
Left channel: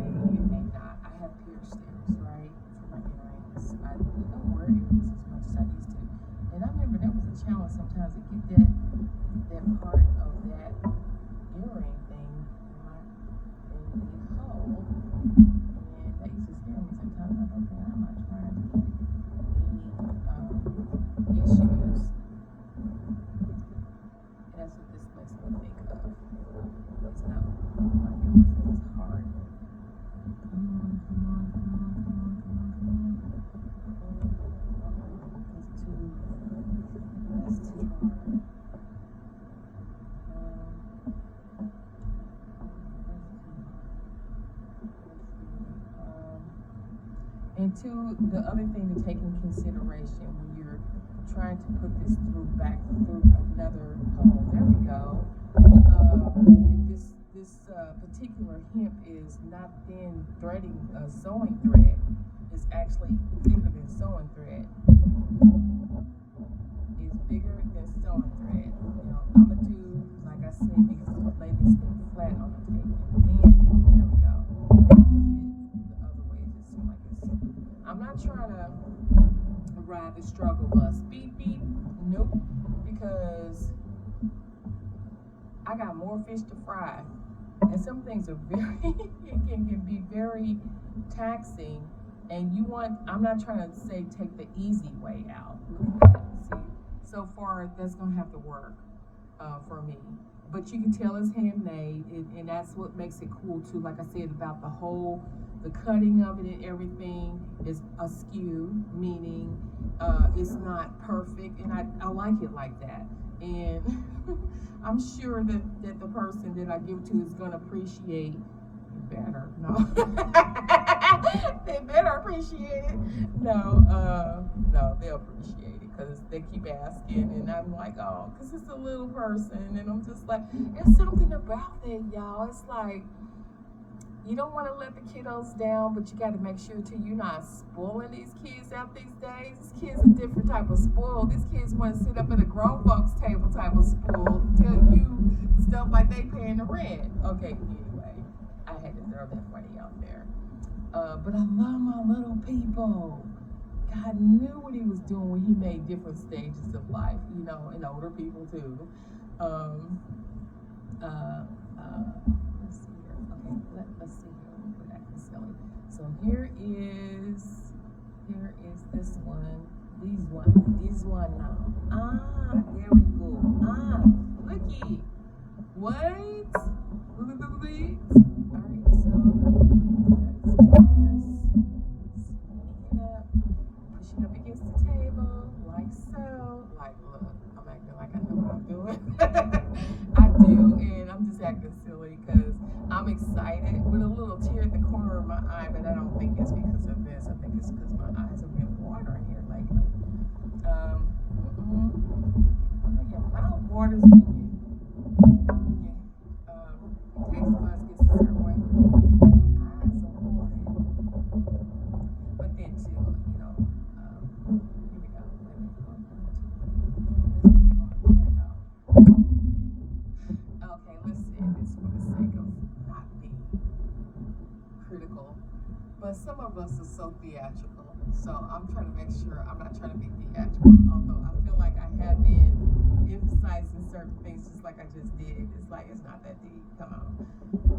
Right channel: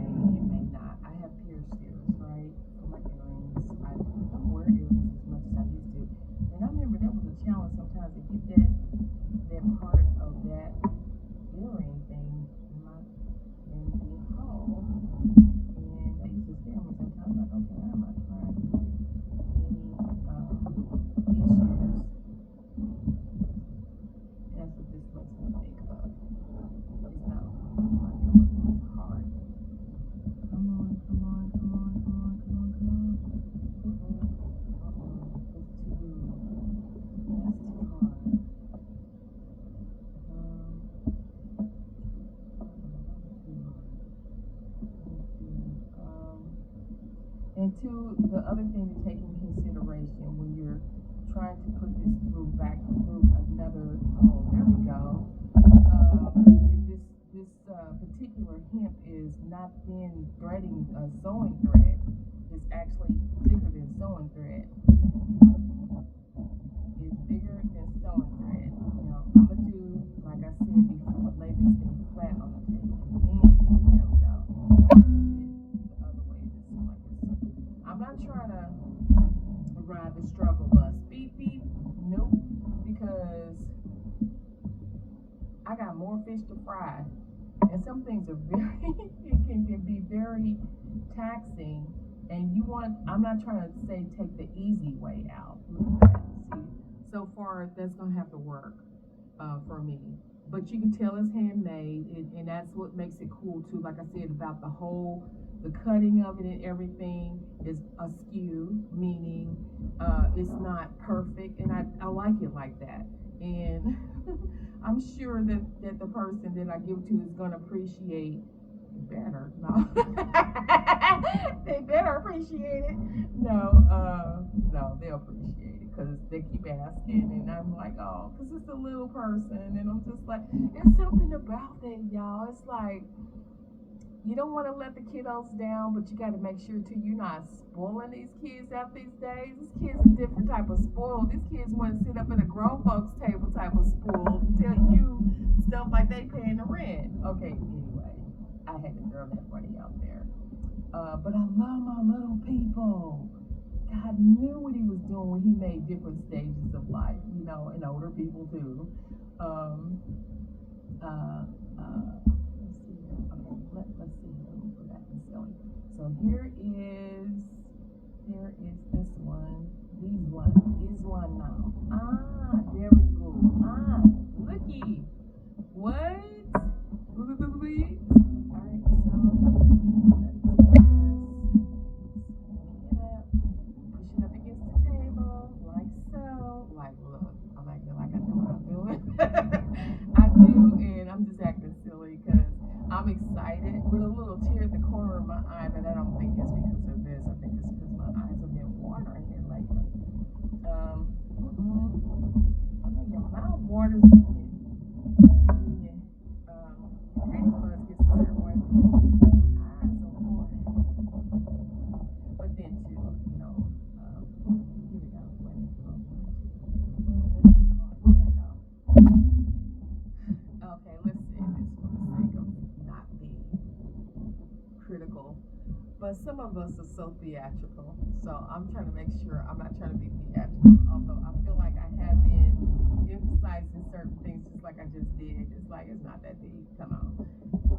may not. I have pierced ears, right, for my earrings. I don't wear earrings as much as I used to, and I remember that was a challenge sometimes to get that part of that earring thing in the hole, and that used to scare me sometimes. Like, okay, I'm not trying to get any issues. And that's what this makes me think of. Please no, my earring is hard. Come on. That's too hard. And two, the other thing to take in consideration when you're trying to put this back through another hole. There we go. This particular hemp is not thin threading sewing thread. It's actually thicker than sewing thread. It's bigger than sewing thread. Now I'm gonna do, like I said before, lay this thing flat on the table, and then there we go. The other way just seems like it's. I'm not trying to ride the struggle bus. Beep beep. Nope. Because I got more fish to fry, and some things are very it can be very taxing. And I'm not trying to say take the easy way out. Look at that. See, so far that's gonna have to work for me. But you can tell it's handmade, and that's what makes it cool too. Like I said about the cutting of it and everything is askew, meaning it's not perfect, and I like it like that. and I'm sure that the person that I give it to is gonna appreciate. Better no, they better appreciate it. No, no, they'll appreciate it because they keep asking, and I'm like, oh, because it's a little person, and I'm just like, there's something about that, y'all. It's like you don't want to let the kiddos down, but you got to make sure too you're not spoiling these kids out these days. These kids are different type of spoiled. These kids want to sit up at a grown folks table type of spoiled and tell you stuff like they paying the rent. Okay, anyway, I had to throw that funny out there. But I love my little people. God knew what he was doing when he made different stages of life, and older people too. Um, uh, let's see here. Okay, let's see here. Let me put that in silly. So here is this one. This one now. There we go. Looky. Wait. Wait. All right, so push it up against the table, like so. Like, look, I'm acting like I know what I'm doing. I do, and I'm just acting silly because I'm excited with a little tear at the corner of my eye, but I don't think it's because of this. I think it's because my eyes have been watering here lately. I know your mouth waters when you, taste buds gets a certain way. Eyes are watering. But then too, here we go. Okay, let's say this for the sake of not being critical. But some of us are so theatrical. So I'm trying to make sure I'm not trying to be theatrical. Although I feel like I have been emphasizing certain things just like I just did. It's like it's not that deep. Come on.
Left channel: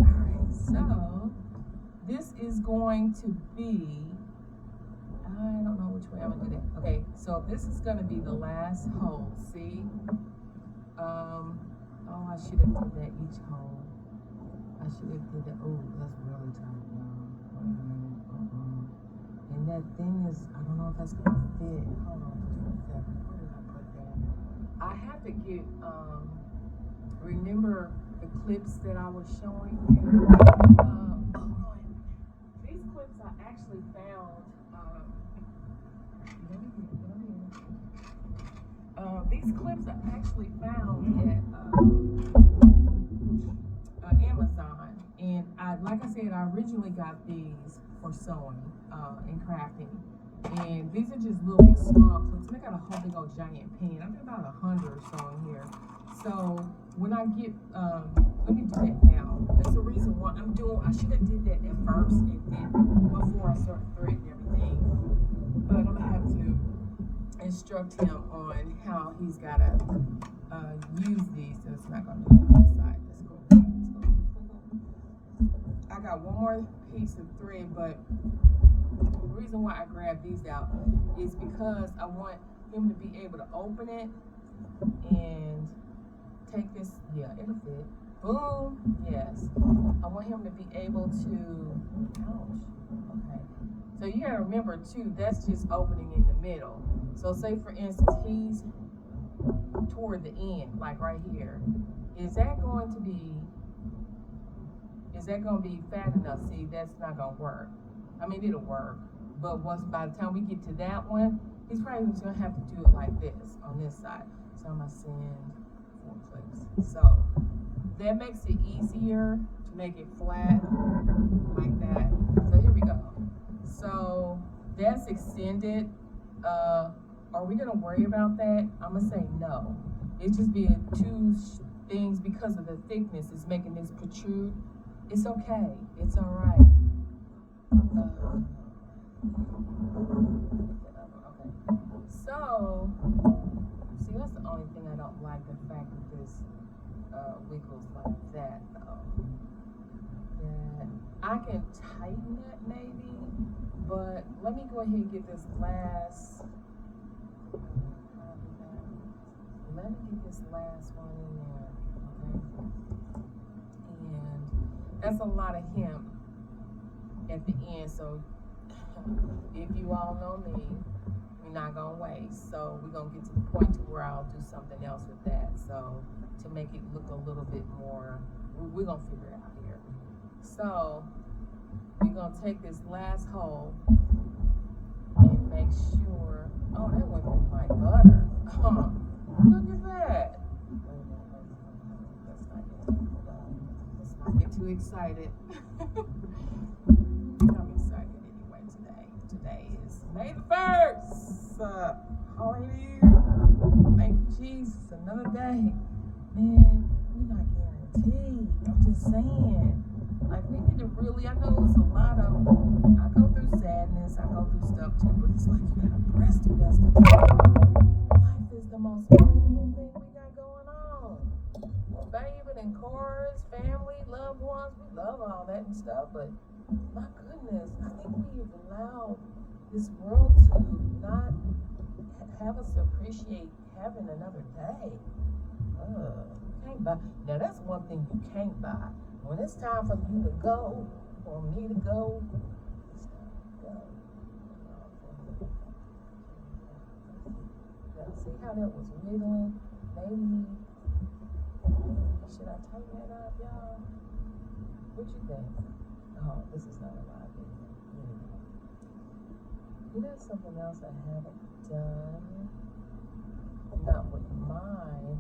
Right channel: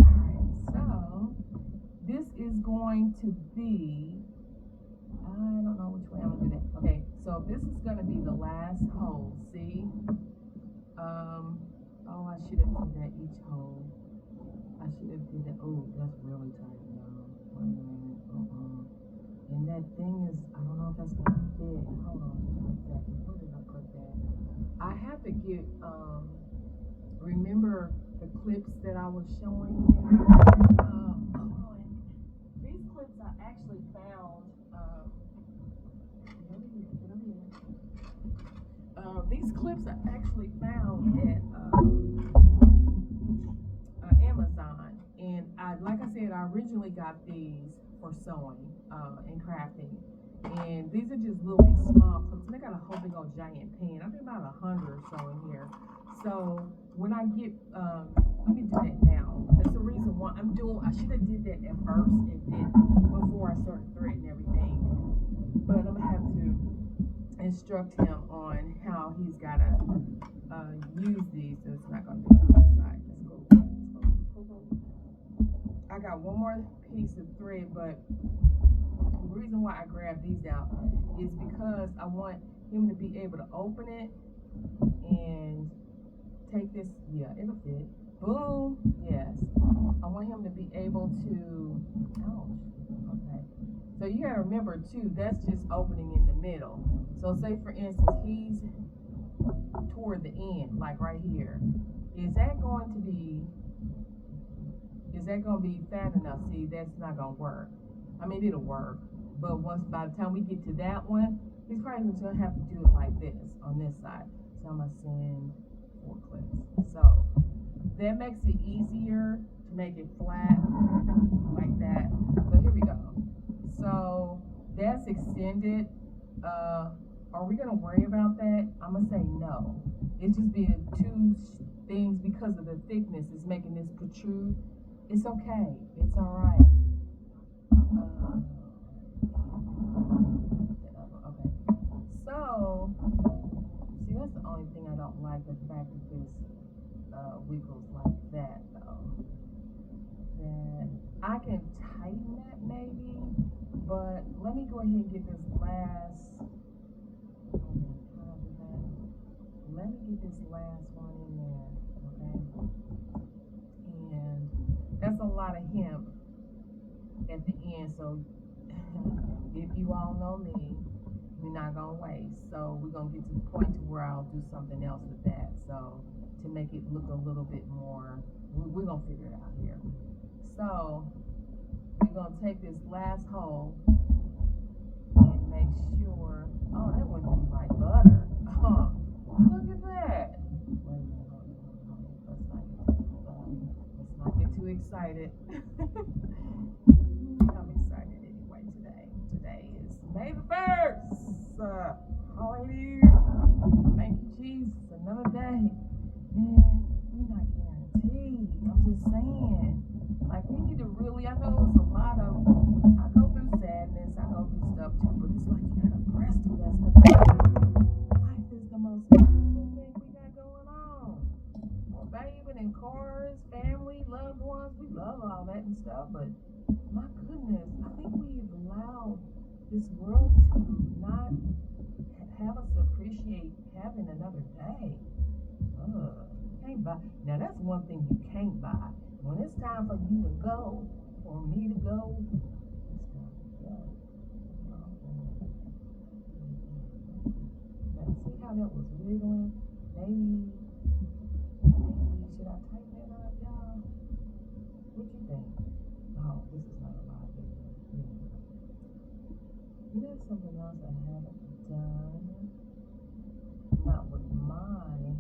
Alright, so this is going to be I don't know which way I'm gonna do that. Okay, so this is gonna be the last hole, see? Oh, I should have did that each hole. I should have did that. Oh, that's really tight now. And that thing is, I don't know if that's gonna fit. Hold on just one second. Where did I put that? I have to get, remember the clips that I was showing you? Hold on. These clips I actually found, these clips I actually found at Amazon, and like I said, I originally got these for sewing and crafting, and these are just little small clips. And I got a whole big old giant pan. I've been about 100 or so in here. So when I get, let me do that now. That's the reason why I should have did that at first and didn't before I started threading everything. But I'm gonna have to instruct him on how he's gotta use these. So it's not gonna do it on this side. Let's go. I got one more piece of thread, but the reason why I grabbed these out is because I want him to be able to open it and take this. Yeah, it'll fit. Boom. Yes. I want him to be able to. Ouch. Okay. So you gotta remember too, that's just opening in the middle. So say for instance, he's toward the end, like right here. Is that going to be fat enough? See, that's not gonna work. I mean, it'll work, but by the time we get to that one, he's probably gonna have to do it like this on this side. So I'm gonna send 4 clips. So that makes it easier to make it flat like that. So here we go. So that's extended. Are we gonna worry about that? I'm gonna say no. It's just being two things because of the thickness is making this protrude. It's okay. It's all right. Okay. So, see, that's the only thing I don't like, the fact that this wiggles like that, though. That I can tighten it maybe, but let me go ahead and get this last. Let me get this last one in there, okay? And that's a lot of hemp at the end, so if you all know me, we're not gonna waste. So we're gonna get to the point to where I'll do something else with that. So to make it look a little bit more, we're gonna figure it out here. So we're gonna take this last hole and make sure. Oh, that went through like butter. Look at that. Let's not get too excited. I'm excited anyway today. Today is May the 1st. Hallelujah. Thank you, Jesus. Another day. Man, we're not guaranteed. I'm just saying. Like, we need to really, I know it's a lot of, I go through sadness, I go through stuff too, but it's like you gotta press through that stuff. Life is the most beautiful thing we got going on. Well, bathing in cars, family, loved ones, we love all that and stuff, but my goodness, I think we've allowed this world to not have us appreciate having another day. Can't buy. Now, that's one thing you can't buy. When it's time for you to go, or me to go, it's time to go. Now, see how that was wiggling? Maybe, should I tighten that up, y'all? What you think? Oh, this is not a live video. You know something else I haven't done? Not with mine.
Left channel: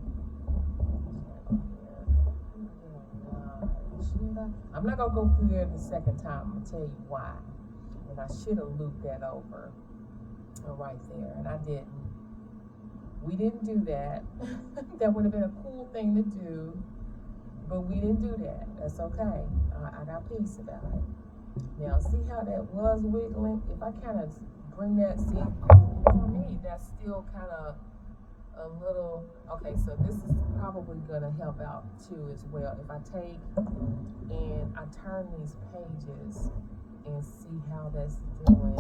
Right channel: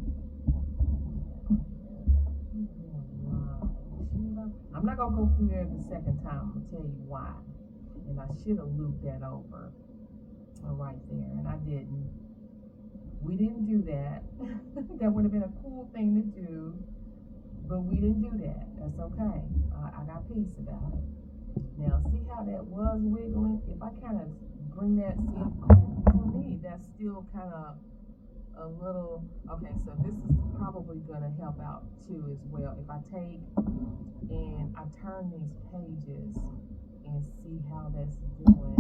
I'm not gonna go through there the second time. I'm gonna tell you why. And I should have looped that over right there, and I didn't. We didn't do that. That would have been a cool thing to do, but we didn't do that. That's okay. I got peace about it. Now, see how that was wiggling? If I kind of bring that, see, for me, that's still kind of a little, okay, so this is probably going to help out too as well. If I take and I turn these pages and see how that's doing.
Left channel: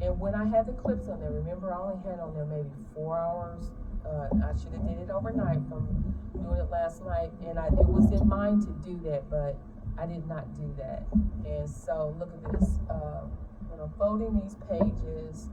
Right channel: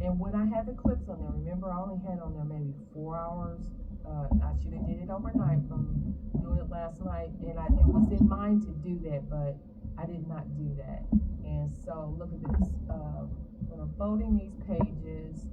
And when I had the clips on there, remember I only had on there maybe 4 hours. I should have did it overnight from doing it last night, and it was in mind to do that, but I did not do that. And so look at this. When I'm folding these pages,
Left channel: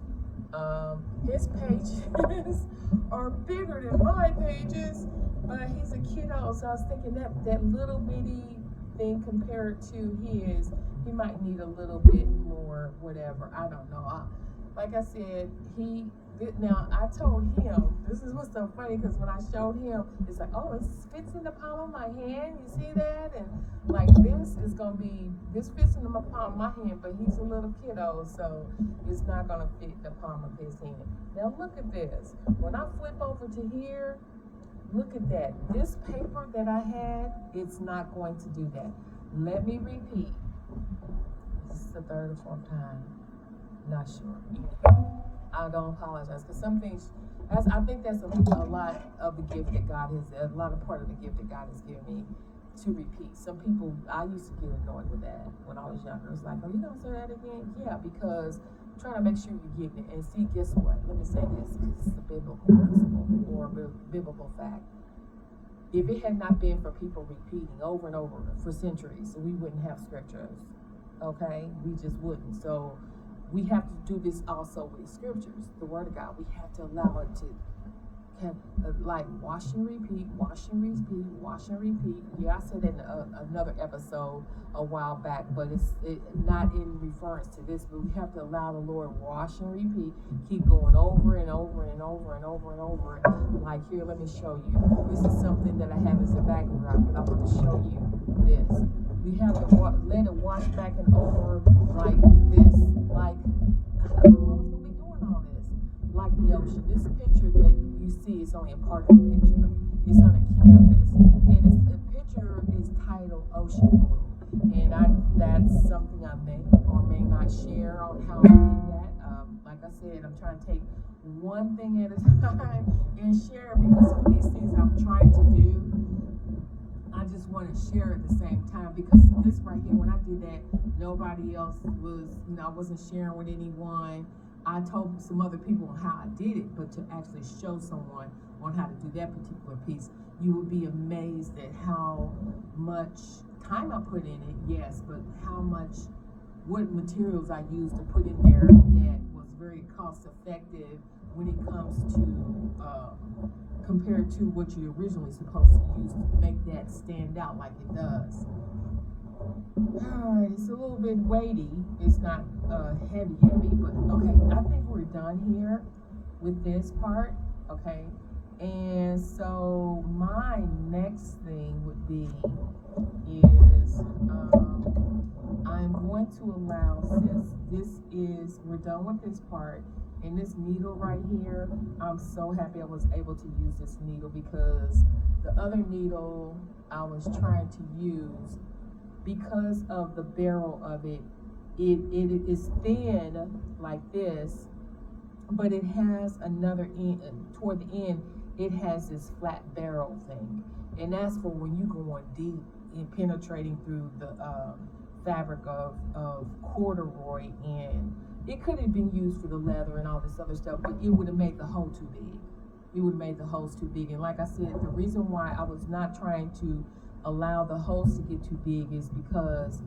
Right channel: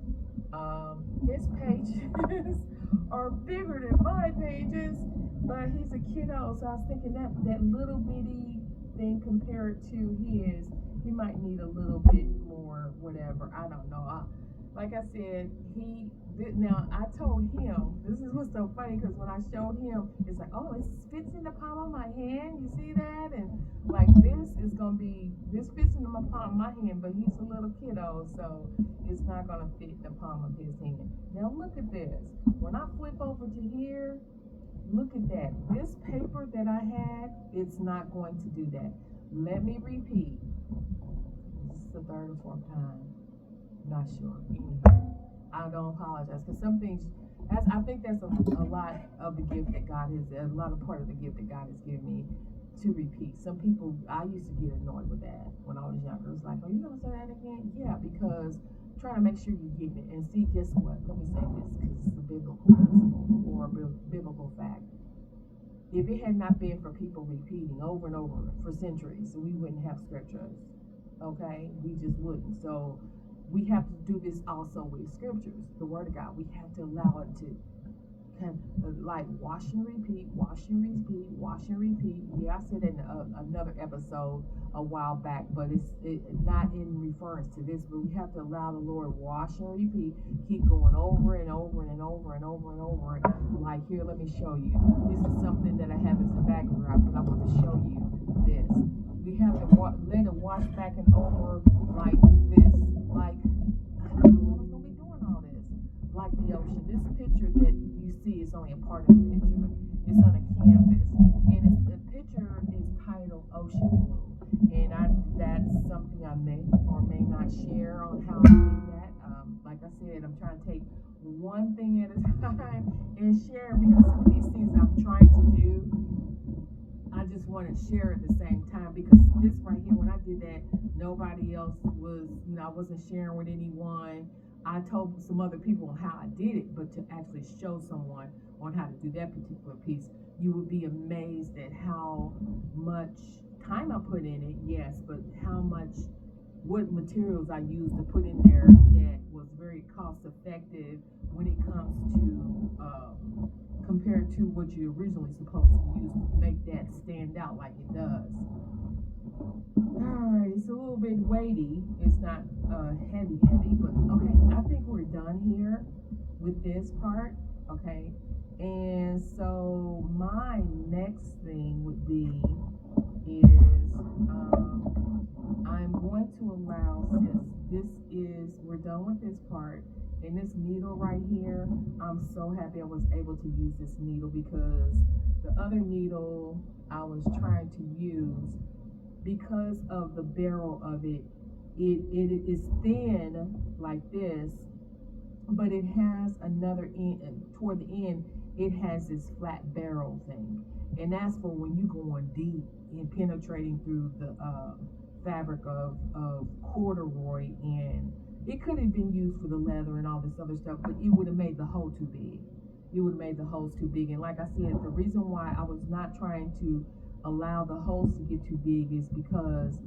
his pages are bigger than my pages, but he's a kiddo, so I was thinking that little bitty thing compared to his, he might need a little bit more, whatever. I don't know. Like I said, he did. Now I told him, this is what's so funny, because when I showed him, it's like, oh, it fits in the palm of my hand. You see that? And like this fits in the palm of my hand, but he's a little kiddo, so it's not gonna fit the palm of his hand. Now look at this. When I flip over to here, look at that. This paper that I had, it's not going to do that. Let me repeat. This is the third or fourth time. Not sure. I don't apologize, because some things, I think that's a lot of the gift that God has, a lot of part of the gift that God has given me to repeat. Some people, I used to get annoyed with that when I was younger. It's like, oh, you gonna say that again? Yeah, because trying to make sure you're getting it. And see, guess what? Let me say this, because it's a biblical principle or biblical fact. If it had not been for people repeating over and over for centuries, we wouldn't have scriptures. Okay? We just wouldn't. So we have to do this also with scriptures, the Word of God. We have to allow it to like wash and repeat, wash and repeat, wash and repeat. Yeah, I said in another episode a while back, but it's not in reference to this, but we have to allow the Lord wash and repeat, keep going over and over and over and over and over. Like here, let me show you. This is something that I have as a backdrop, but I want to show you this. We have to let it wash back and over like this, like I don't know what's gonna be doing all this, like the ocean. This picture that you see is only a part of the picture. It's on a canvas, and the picture is titled Ocean Blue. And that's something I may or may not share on how I did that. Like I said, I'm trying to take one thing at a time and share, because some of these things I'm trying to do, I just want to share at the same time, because this right here, when I did that, nobody else was, I wasn't sharing with anyone. I told some other people on how I did it, but to actually show someone on how to do that particular piece, you would be amazed at how much time I put in it, yes, but how much what materials I used to put in there that was very cost effective when it comes to compared to what you're originally supposed to use to make that stand out like it does. Alright, it's a little bit weighty. It's not heavy, but okay, I think we're done here with this part. Okay, and so my next thing would be is I'm going to allow, since this is, we're done with this part, and this needle right here, I'm so happy I was able to use this needle because the other needle I was trying to use, because of the barrel of it, it is thin like this, but it has another end, toward the end, it has this flat barrel thing. And that's for when you go on deep and penetrating through the fabric of corduroy, and it could have been used for the leather and all this other stuff, but it would have made the hole too big. It would have made the holes too big. And like I said, the reason why I was not trying to allow the holes to get too big is because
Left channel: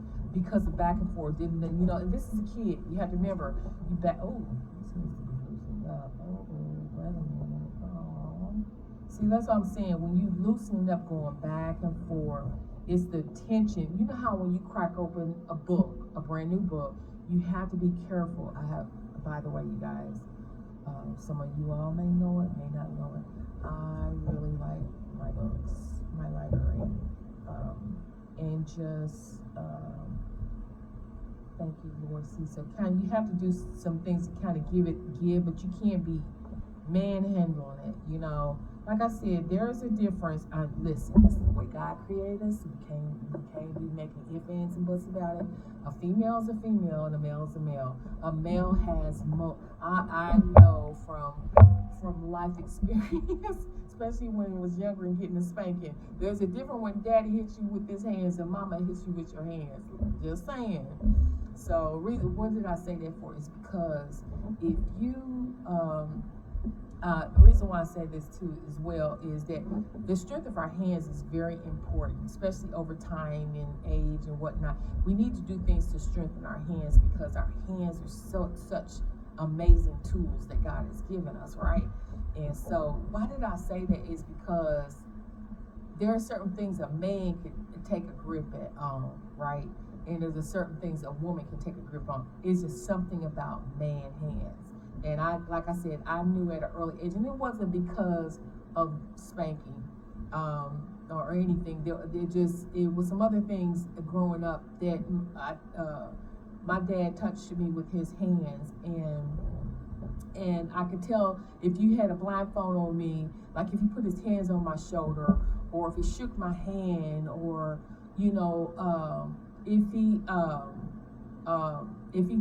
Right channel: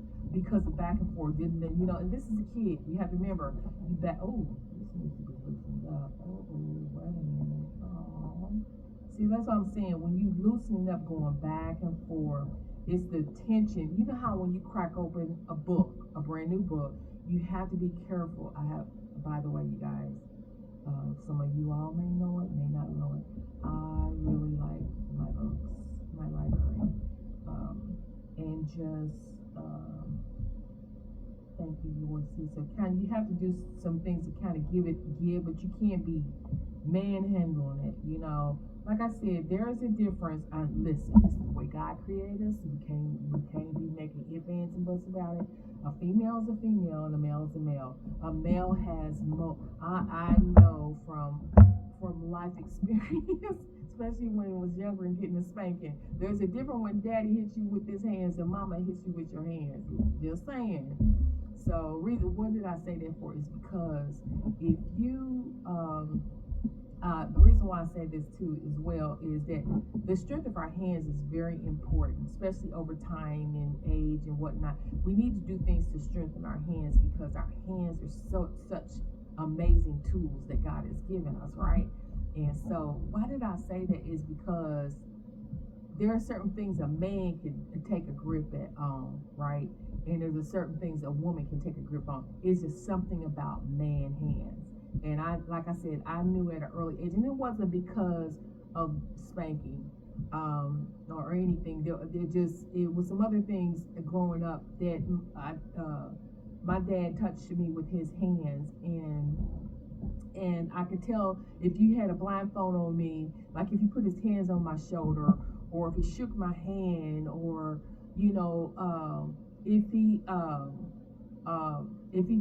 of back and forth. Didn't they, you know, and this is a kid. You have to remember, this needs to be loosened up. Wait a minute. Oh. See, that's what I'm saying. When you loosen it up going back and forth, it's the tension. You know how when you crack open a book, a brand new book, you have to be careful. I have, by the way, you guys, some of you all may know it, may not know it. I really like my books, my library, and just thank you, Lord. See, so you have to do some things to kind of give, but you can't be manhandling it, you know. Like I said, there is a difference. Listen, this is the way God created us. We can't be making ifs, ands, and buts about it. A female is a female, and a male is a male. A male has I know from life experience, especially when I was younger and getting a spanking. There's a difference when Daddy hits you with his hands and Mama hits you with your hands. Just saying. So, what did I say that for? Is because if you the reason why I say this too as well is that the strength of our hands is very important, especially over time and age and whatnot. We need to do things to strengthen our hands because our hands are such amazing tools that God has given us, right? And so why did I say that is because there are certain things a man can take a grip at right? And there's a certain things a woman can take a grip on. It's just something about man hands. And like I said, I knew at an early age, and it wasn't because of spanking or anything. It was some other things growing up that my dad touched me with his hands, and I could tell if you had a blindfold on me, like if he put his hands on my shoulder, or if he shook my hand, or you know, if he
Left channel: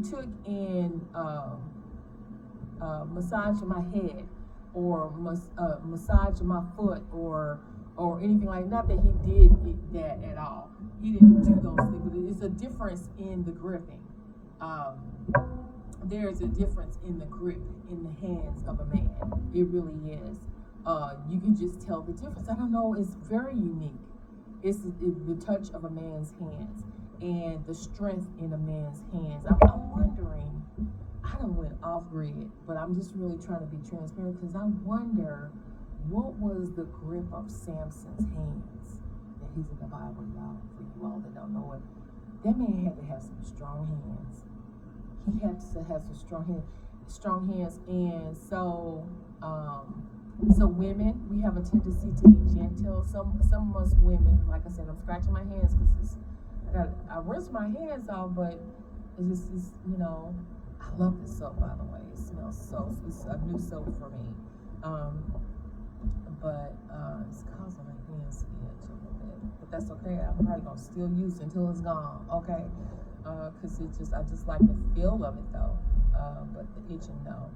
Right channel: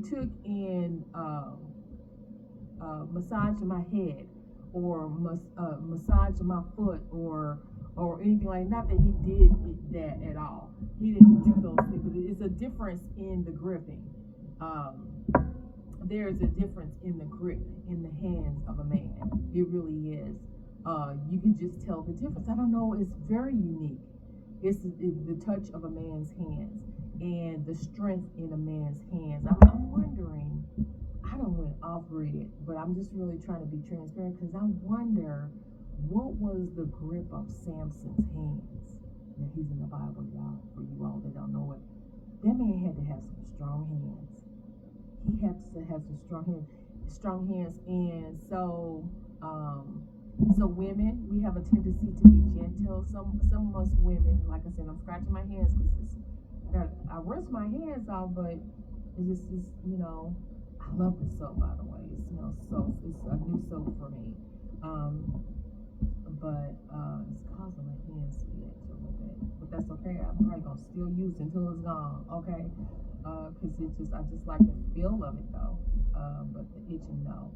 took in massage my head or massage my foot or anything like, not that he did that at all. He didn't do those things. But it's a difference in the gripping. There's a difference in the grip in the hands of a man. It really is. You can just tell the difference. I don't know. It's very unique. It's the touch of a man's hands and the strength in a man's hands. I'm wondering. I don't went off grid, but I'm just really trying to be transparent because I wonder what was the grip of Samson's hands. Now he's in the Bible, y'all. For you all that don't know it, that man had to have some strong hands. He had to have some strong hands, and so women, we have a tendency to be gentle. Some of us women, like I said, I'm scratching my hands because I rinse my hands off, but it's you know. I love this soap, by the way. It smells so. It's a new soap for me. But it's causing my hands to itch a little bit. But that's okay. I'm probably gonna still use it until it's gone. Okay. Cause I just like the feel of it though. But the itching no.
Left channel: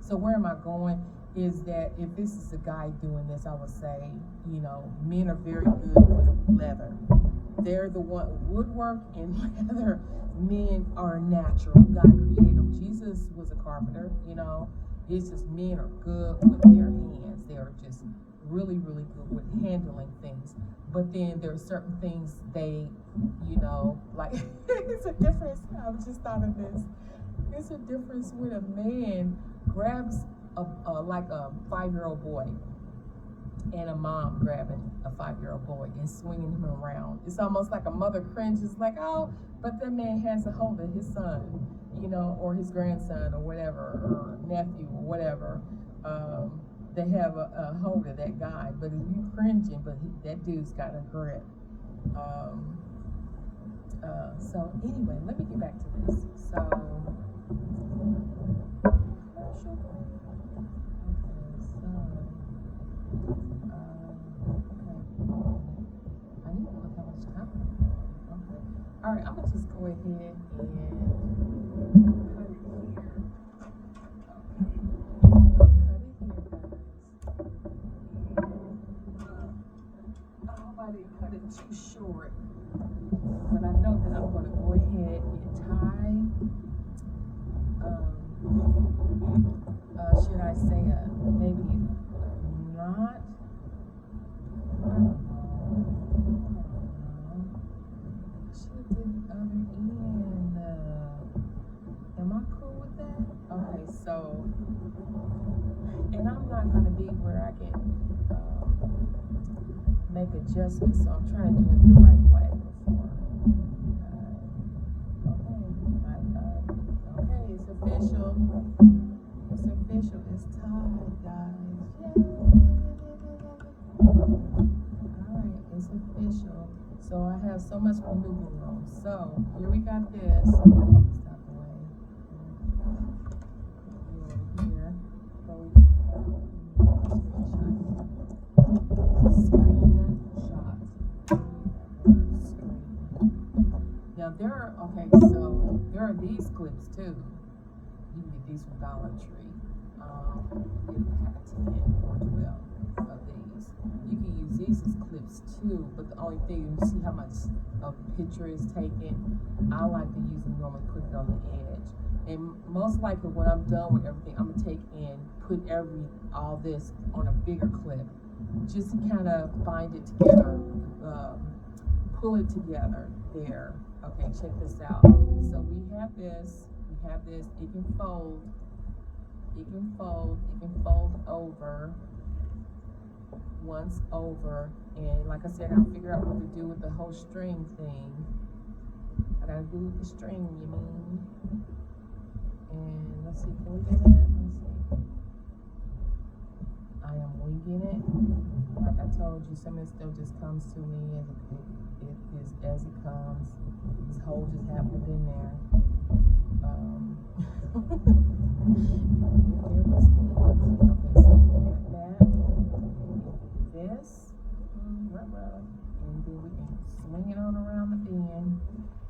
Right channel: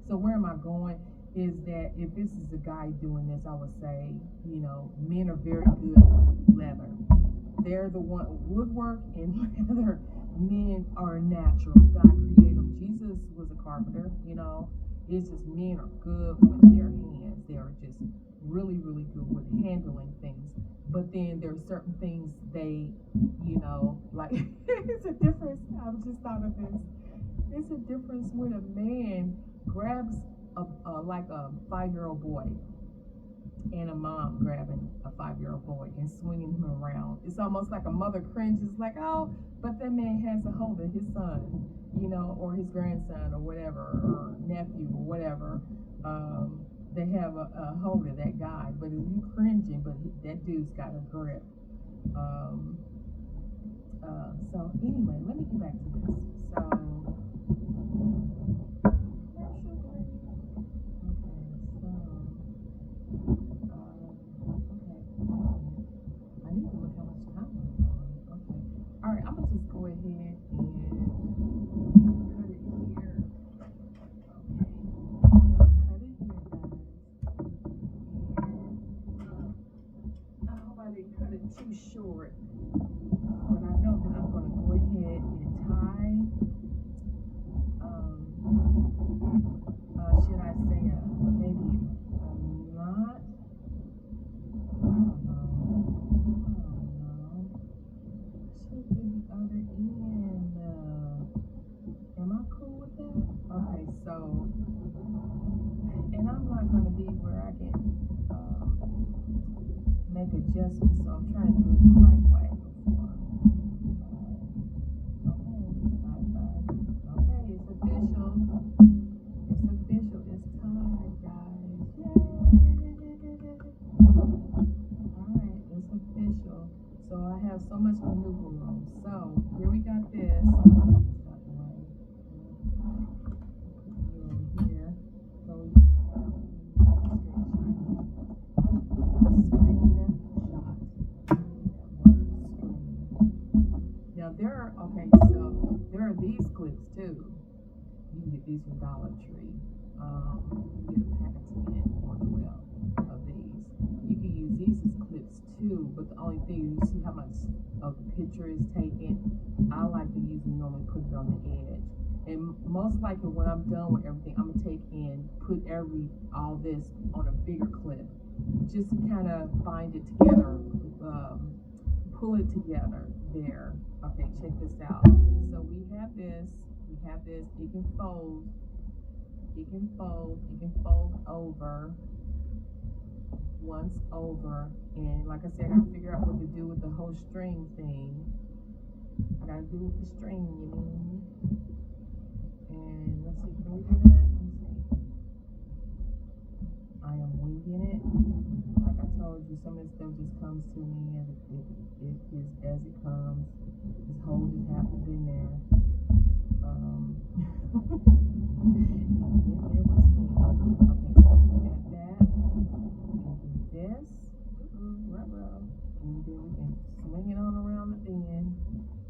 So where am I going? Is that if this is a guy doing this, I would say, you know, men are very good with leather. They're the one woodwork and leather. Men are natural. God created them. Jesus was a carpenter, you know. It's just men are good with their hands. They are just really, really good with handling things. but then there's certain things they, like it's a difference. I just thought of this. It's a difference when a man grabs like a 5-year-old boy and a mom grabbing a 5-year-old boy and swinging him around. It's almost like a mother cringes, like, oh, but the man has a hold of his son, or his grandson or whatever, or nephew or whatever. They have a hold of that guy, but if you cringing, but that dude's got a grip. So anyway, let me get back to this. So, I need to look how much time. Okay. All right, I'm gonna just go ahead and put it here. Okay. I'm gonna cut it here, guys. And I hope I didn't cut it too short. But I know that I'm gonna go ahead and tie. Should I say maybe a knot? I don't know. Should do the other end. Am I cool with that? Okay, so, and I'm not gonna be where I can make adjustments, so I'm trying to do it the right way before. Okay, it's official. It's official. It's tied, guys. Yay! Alright, it's official. So I have so much maneuver room. So here we got this. Stop the way. Over here. Screenshot. Now there are these clips too. You can get these from Dollar Tree. You get a pack of 10 or 12 of these. You can use these as clips too, but the only thing, you see how much of the picture is taken. I like to use them, normally put it on the edge. And most likely when I'm done with everything, I'm gonna take and put all this on a bigger clip, just to kind of bind it together, pull it together there. Okay, check this out. So we have this, it can fold, it can fold over, once over, and like I said, I'll figure out what to do with the whole string thing. I gotta do with the string, you mean? And let's see, can we do that? Let's see. I am winging it. Like I told you, some of this stuff just comes to me as it comes. This hole just happened in there. It was me. Okay, so we got that. And this. And then we can swing it on around the bend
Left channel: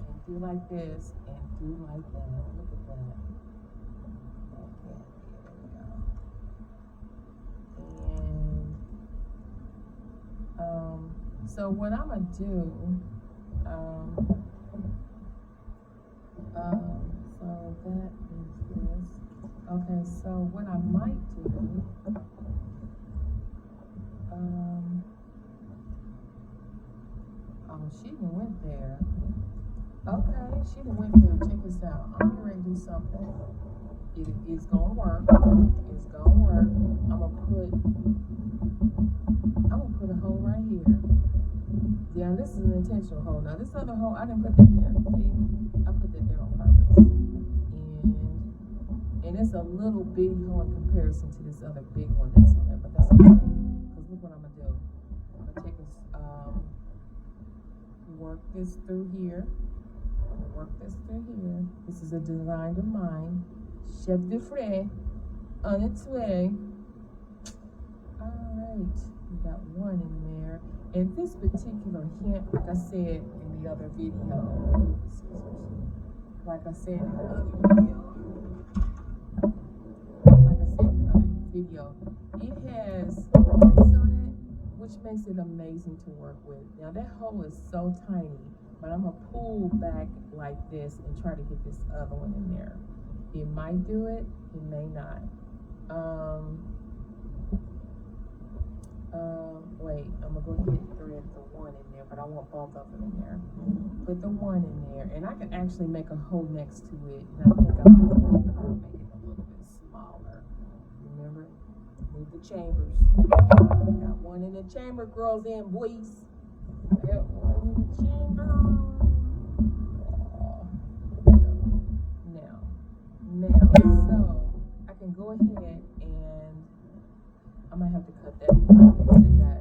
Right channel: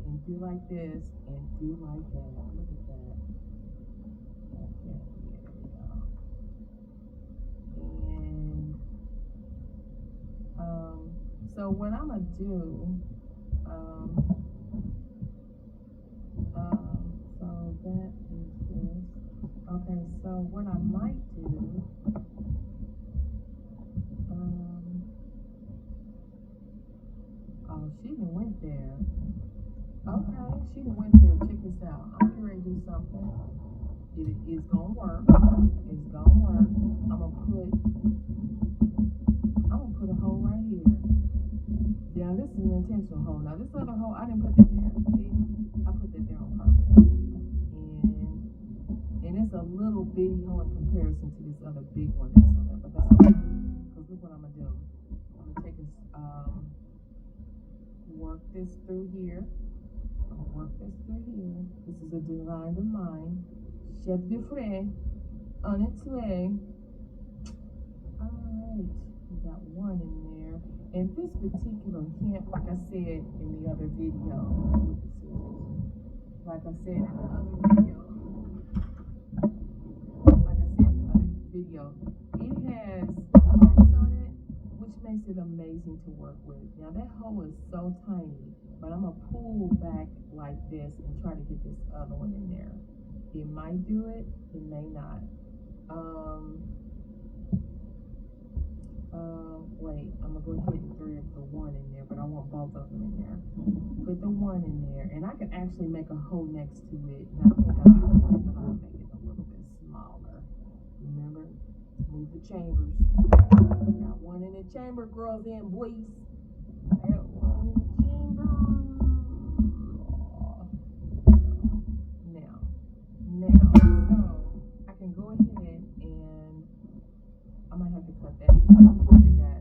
and do like this and do like that. Look at that. Okay, there we go. And so what I'm gonna do, so that is this. Okay, so what I might do, oh, she done went there. Okay, she done went there. Check this out. I'm getting ready to do something. It is gonna work. It's gonna work. I'm gonna put a hole right here. Now this is an intentional hole. Now this other hole, I didn't put that there. See, I put that there on purpose. And it's a little bitty hole in comparison to this other big one that's on there, but that's okay. Because look what I'm gonna do. I'm gonna take this, work this through here. I'm gonna work this through here. This is a design of mine. Chef de frais, on its way. Alright, we got one in there. And this particular hint, like I said in the other video, it has lights on it, which makes it amazing to work with. Now that hole is so tiny, but I'm gonna pull back like this and try to get this other one in there. It might do it, it may not. Wait, I'm gonna go hit 3. thread the one in there, but I want both of them in there. Put the one in there, and I can actually make a hole next to it, and I think I'll do that, but I'll make it a little bit smaller. Remember, move the chambers. Got one in the chamber, girls and boys. Got one in the chamber. Now, so I can go ahead and I might have to cut that because it got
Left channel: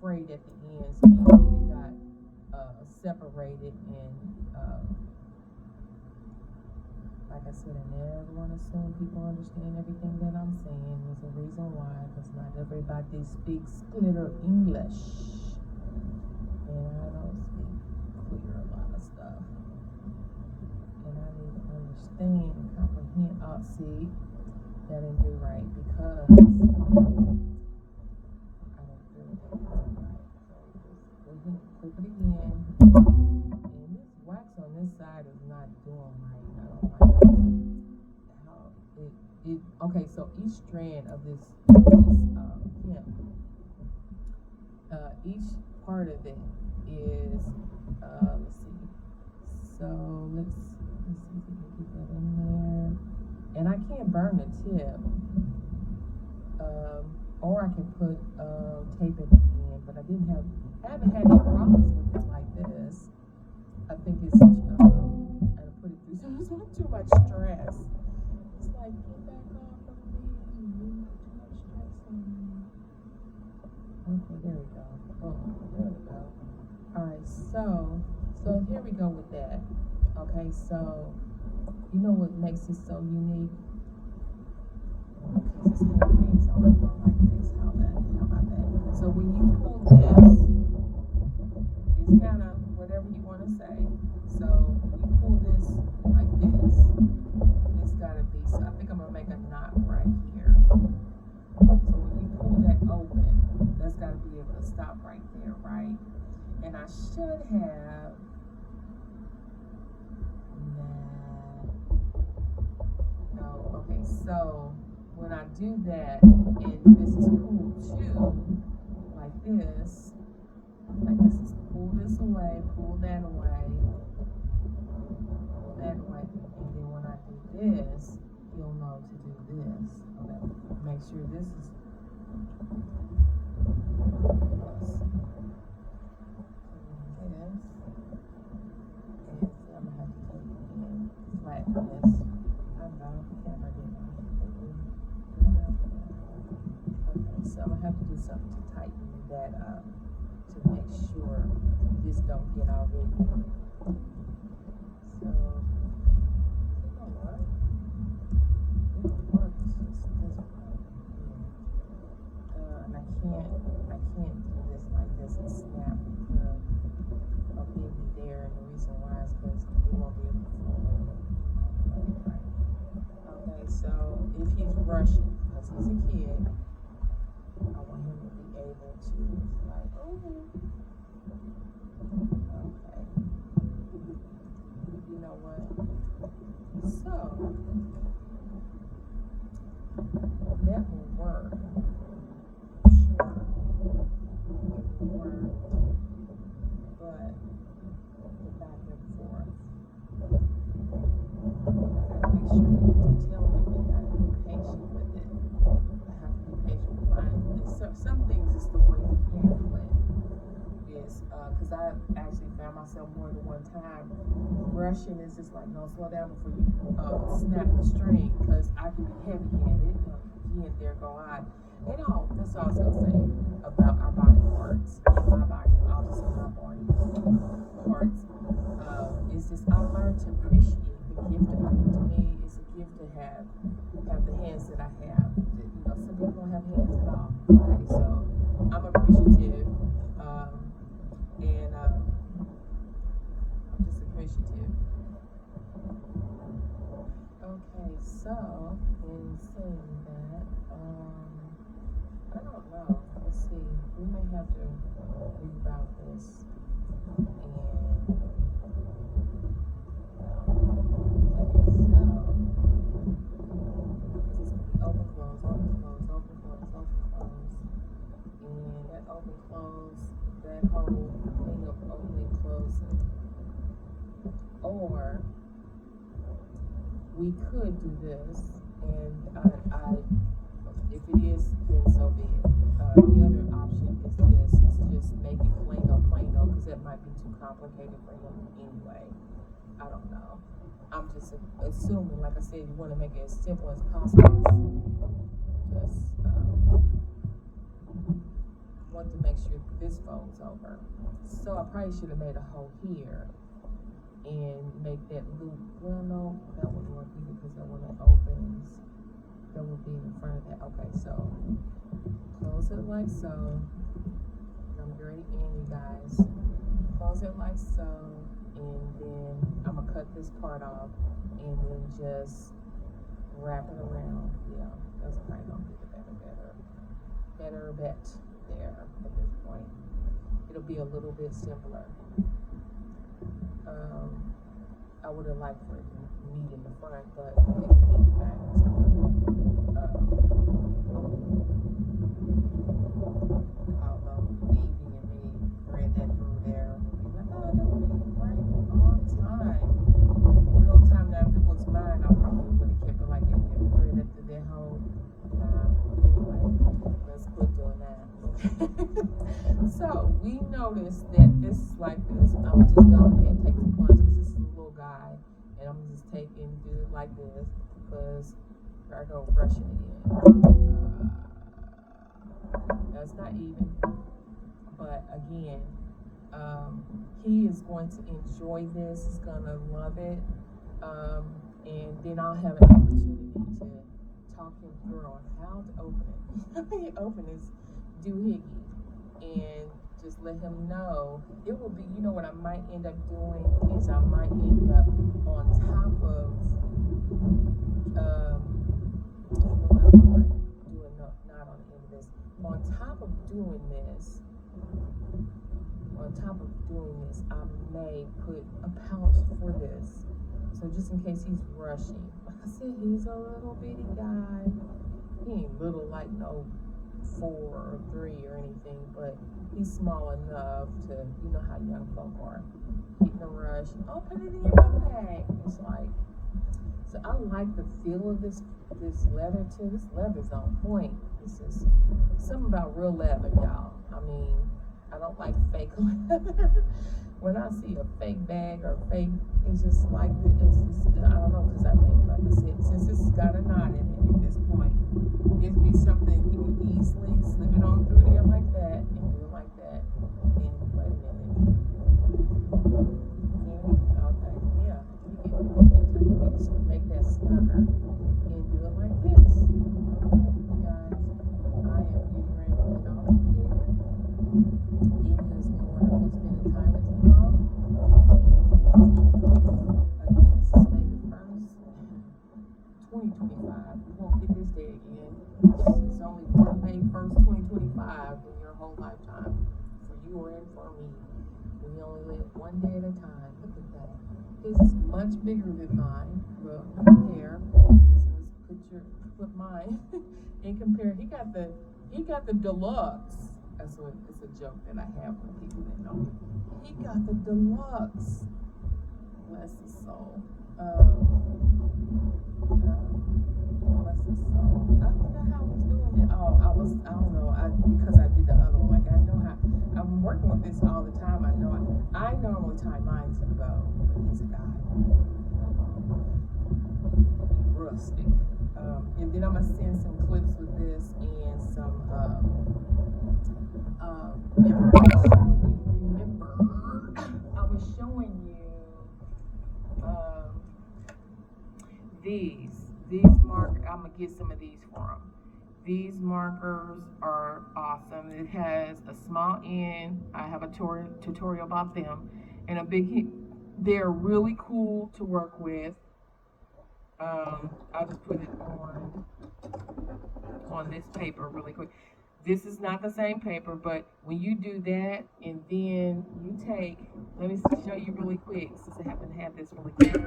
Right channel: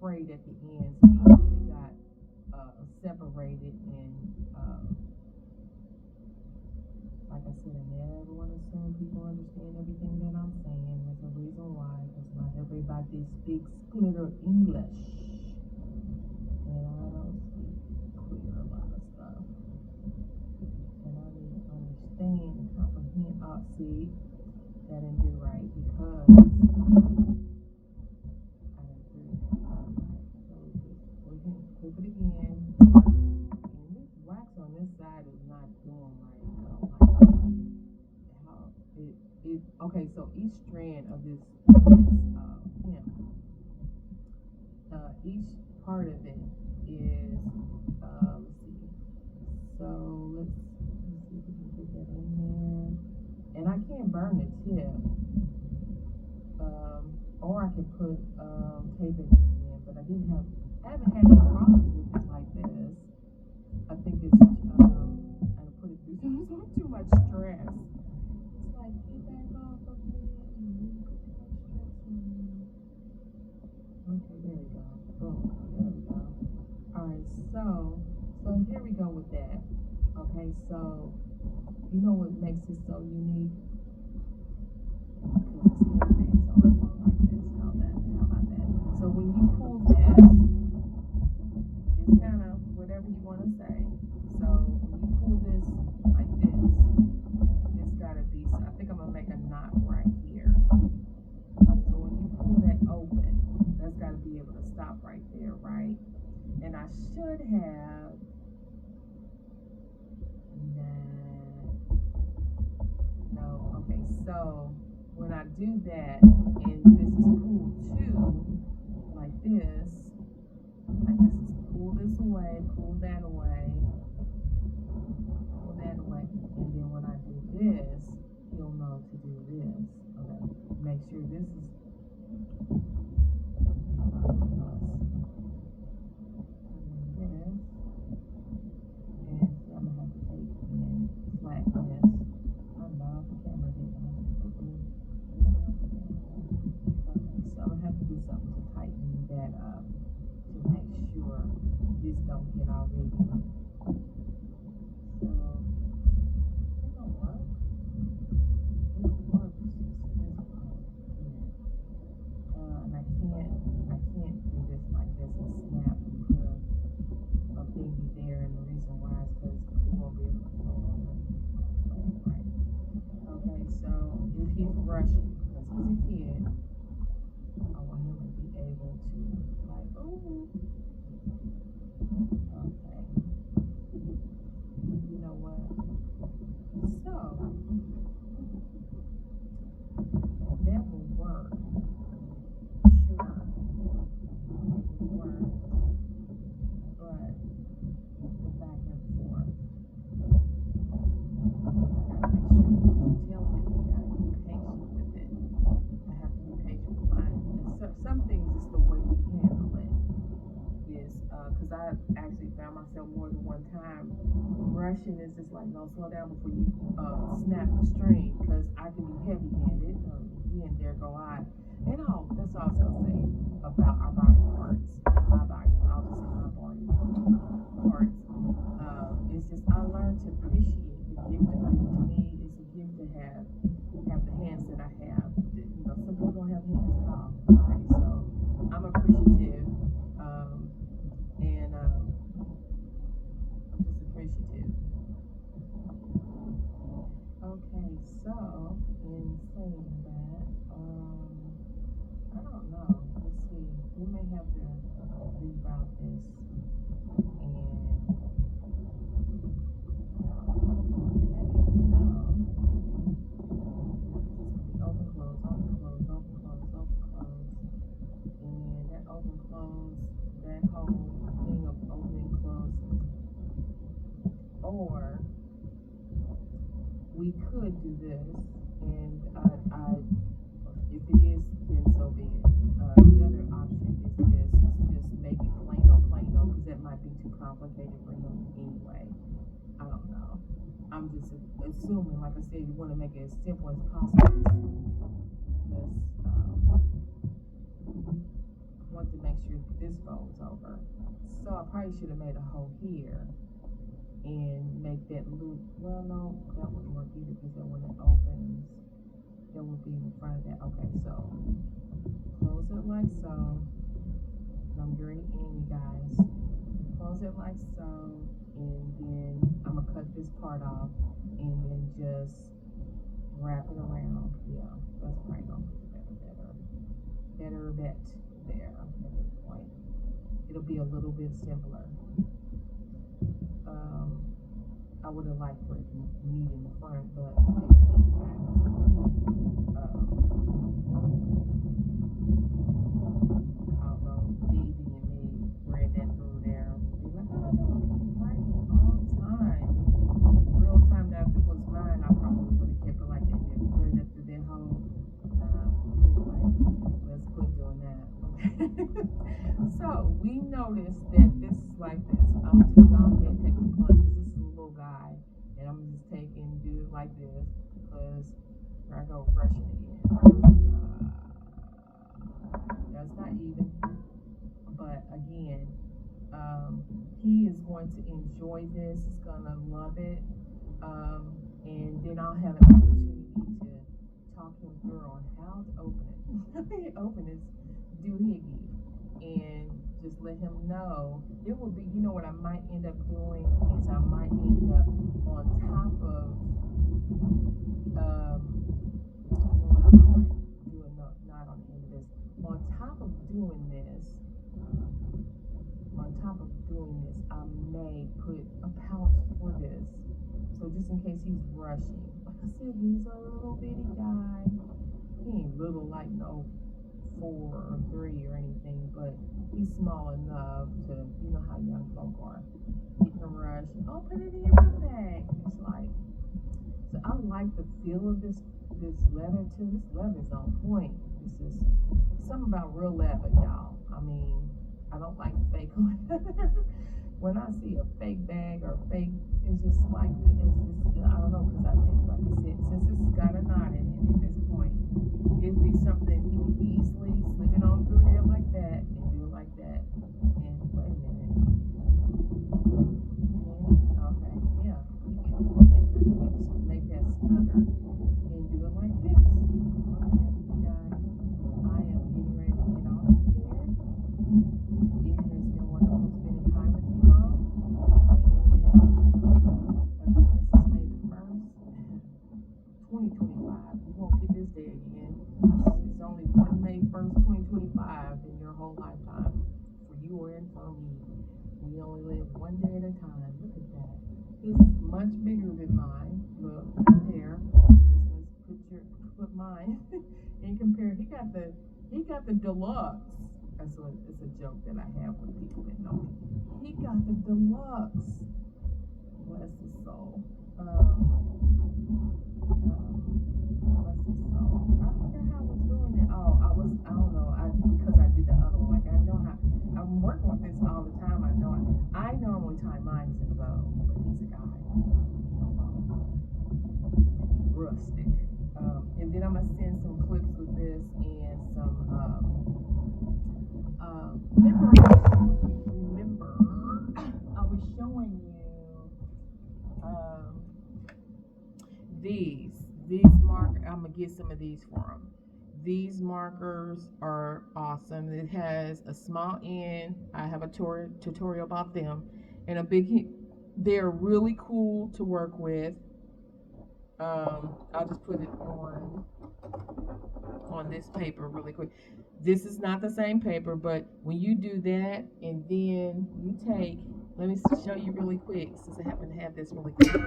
frayed at the ends, meaning it got separated, and like I said, I never want to assume people understand everything that I'm saying. There's a reason why, because not everybody speaks clear English, and I don't speak clear a lot of stuff, and I need to understand and comprehend. Oh, see, that didn't do right because I didn't do it right. So just go ahead and clip it again. And this wax on this side is not doing right. I don't like how it okay, so each strand of this hemp, each part of it is let's see. So let's see if we can get that in there. And I can't burn the tip. Or I can put tape at the end, but I haven't had any problems with it like this. I think it's I put it through too much stress. It's like, get back off of me. You put too much stress on me. Okay, there we go. Boom, there we go. Alright, so here we go with that. Okay, so you know what makes this so unique? Because it's handmade, so I'm going like this. How about that? So when you pull this, it's kind of whatever you want to say. So when you pull this like this, it's got to be, so I think I'm going to make a knot right here. So when you pull that open, that's got to be able to stop right there, right? And I should have, no, okay, so when I do that, and this is pulled too, like this is pull this away, pull that away, and then when I do this, you'll know to do this. Okay, make sure this is this, and I'm gonna have to take and flatten this. I know the camera didn't have to do. Okay, so I'm gonna have to do something to tighten that up to make sure this don't get all rigid. So you know what? It works. This doesn't work here. And I can't do this like this and snap and put a thingy there, and the reason why is because it won't be able to flow over all the way, right? Okay, so if he's rushing, because he's a kid, I want him to be able to, like, oh, okay. You know what? So, that will work. Sure. It will work. But the back and forth, I gotta make sure to tell him you gotta be patient with it. I have to be patient with mine. And some things is the way we handle it. Is because I actually found myself more than one time rushing. Is just like, no, slow down before you snap the string, because I can be heavy-handed. Again, there go I. And all that's all I was gonna say about our body parts. My body, I'll just say my body parts. It's just I learned to appreciate the gift of it. To me, it's a gift to have the hands that I have. You know, some people don't have hands at all. Okay, so I'm appreciative, and I'm just appreciative. Okay, so in saying that, I don't know. Let's see. We may have to reroute this and. Open close, and that open close that whole thing of opening, closing. Or we could do this, and if it is, then so be it. The other option is this: is just make it plain old, because that might be too complicated for him anyway. I don't know. I'm just assuming, like I said, you want to make it as simple as possible. Just want to make sure this folds over. So I probably should have made a hole here and make that loop. Well, no, that wouldn't work either, because then when it opens, that would be in the front of that. Okay, so close it like so. I'm getting in, you guys. Close it like so, and then I'm gonna cut this part off, and then just wrap it around. Yeah, that's probably gonna be better bet there at this point. It'll be a little bit simpler. I would have liked for it to meet in the front, but it can meet back. Although Vivi and me thread that through there, be like, oh, that would be right on time. Real time. Now, if it was mine, I probably would have kept it like that, then thread it through that whole. Anyway, let's quit doing that. So we noticed that this is like this. I'm gonna just go ahead and take the plunge, because this is a little guy, and I'm gonna just take and do it like this, because I go brush it again. That's not even, but again, he is going to enjoy this. He's gonna love it, and then I'll have an opportunity to talk him through on how to open it. Open his doohickey, and just let him know. It will be, you know what I might end up doing is I might end up on top of doing not on the end of this. On top of doing this, I may put a pouch for this. So just in case he's rushing. Like I said, he's a little bitty guy. He ain't little like no 4 or 3 or anything, but he's small enough to, you know how young folk are. Getting a rush. Oh, put it in your bag. It's like, so I like the feel of this leather too. This leather's on point. This is something about real leather, y'all. I mean, I don't like fake leather. When I see a fake bag or fake, it's just like, I don't know, because I think, like I said, since this has got a knot in it at this point, it'd be something you can easily slip it on through there like that and do it like that. And wait a minute. Okay, yeah. You can make that snugger and do it like this. Okay, guys. I am getting ready to get off here. It has been wonderful spending time with you all. And again, this is May the 1st, 2025. We won't get this day again. It's only one May 1st, 2025 in your whole lifetime. For you and for me. We only live one day at a time. Look at that. His is much bigger than mine. Look, compare. Put mine and compare. He got the deluxe. It's a joke that I have with people that know me. He got the deluxe. Bless his soul. Bless his soul. I forgot how I was doing it. Oh, I don't know. Because I did the other one. Like, I know how. I'm working with this all the time. I know. I normally tie mine to the bow, but he's a guy. Rustic. And then I'm gonna send some clips with this and some. Remember, I was showing you these markers. I'm gonna get some of these for them. These markers are awesome. It has a small end. I have a tutorial about them, and a big. They're really cool to work with. I'll just put it on this paper really quick. This is not the same paper, but when you do that, and then you take, let me show you really quick, since I happen to have this really quick.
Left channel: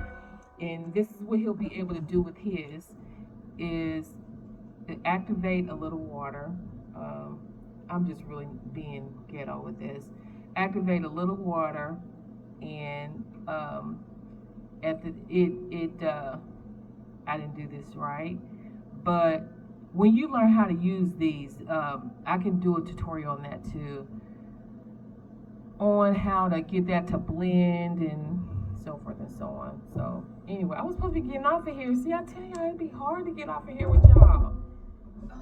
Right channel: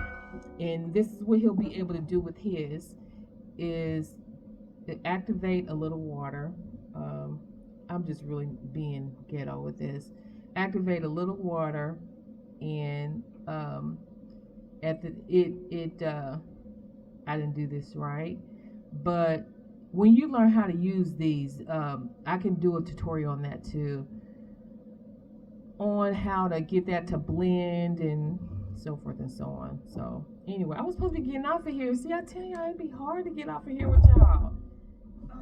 And this is what he'll be able to do with his, is to activate a little water. I'm I'm just really being ghetto with this. Activate a little water, and at the I didn't do this right, but when you learn how to use these, I can do a tutorial on that too, on how to get that to blend and so forth and so on. So anyway, I was supposed to be getting off of here. See, I tell you, it'd be hard to get off of here with y'all. It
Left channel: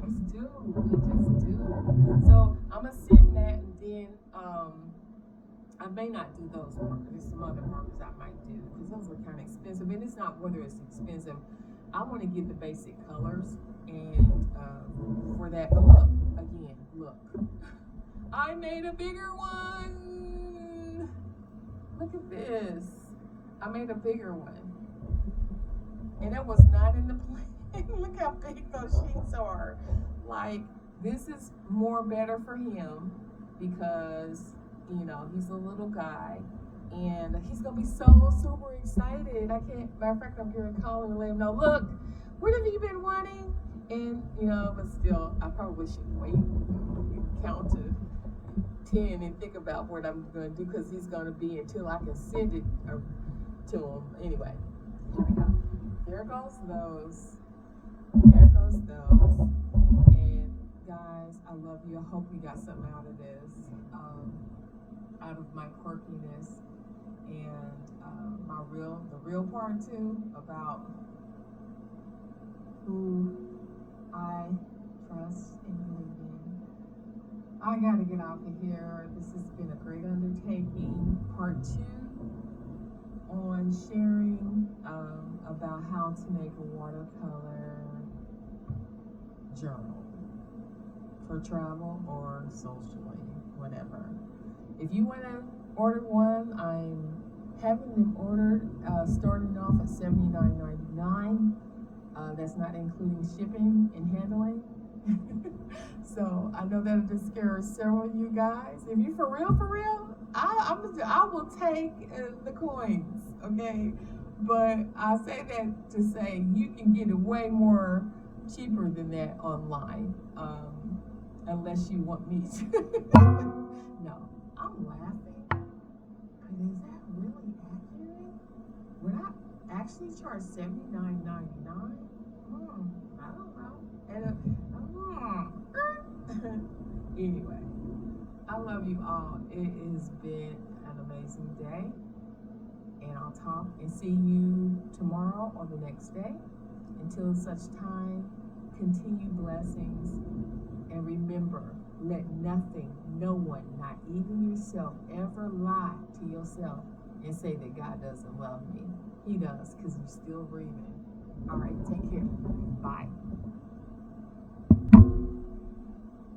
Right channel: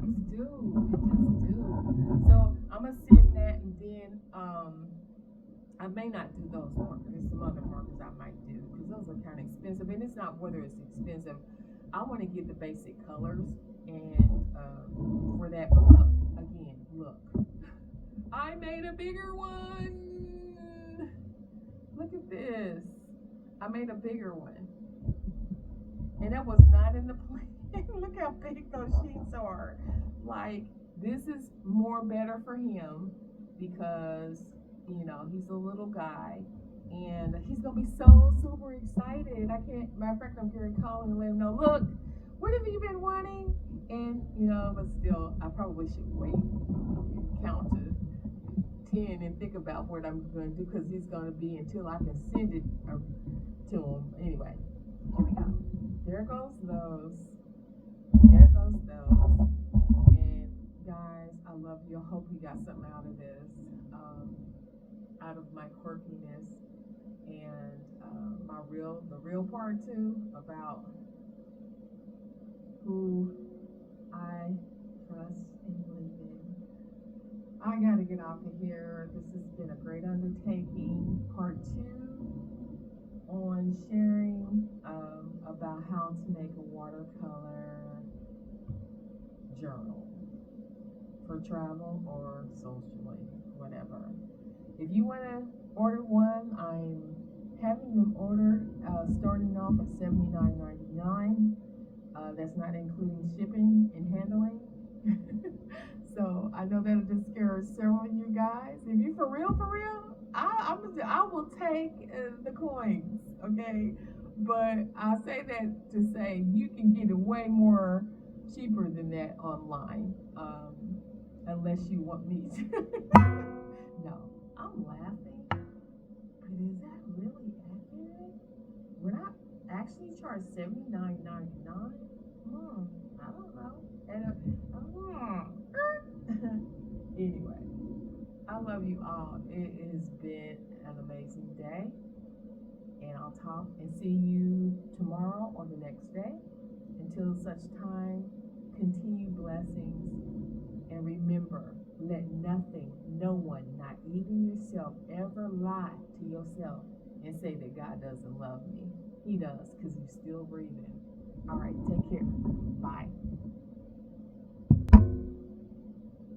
just do. It just do. So I'm gonna send that, and then I may not do those markers. There's some other markers I might do because those are kind of expensive, and it's not whether it's expensive. I want to get the basic colors, and for that, but look again. Look, I made a bigger one. Look at this. I made a bigger one, and it was not in the plan. Look how big those sheets are. Like, this is more better for him because, you know, he's a little guy and he's gonna be so super excited. I can't, matter of fact, I'm here calling to let him know, look, what have you been wanting? And, you know, but still, I probably should wait, count to 10 and think about what I'm gonna do because he's gonna be until I can send it to him. Anyway, here we go. There goes those. There goes those. And guys, I love you. I hope you got something out of this, out of my quirkiness, and the real part too about who I trust and believe in. I gotta get off of here. This has been a great undertaking. Part 2 on sharing about how to make a watercolor journal for travel or socially, whatever. If you want to order one, I'm having them ordered, starting off at $79.99. That's not including shipping and handling. So I know that'll discourage several of you guys. If you for real, I will take the coins, okay? But I say that to say you can get it way more cheaper than that online, unless you want me to. No, I'm laughing, but is that really accurate? Would I actually charge $79.99? I don't know. And, anyway, I love you all. It has been an amazing day, and I'll talk and see you tomorrow or the next day. Until such time, continue blessings, and remember, let nothing, no one, not even yourself, ever lie to yourself and say that God doesn't love me. He does, because you're still breathing. All right, take care. Bye.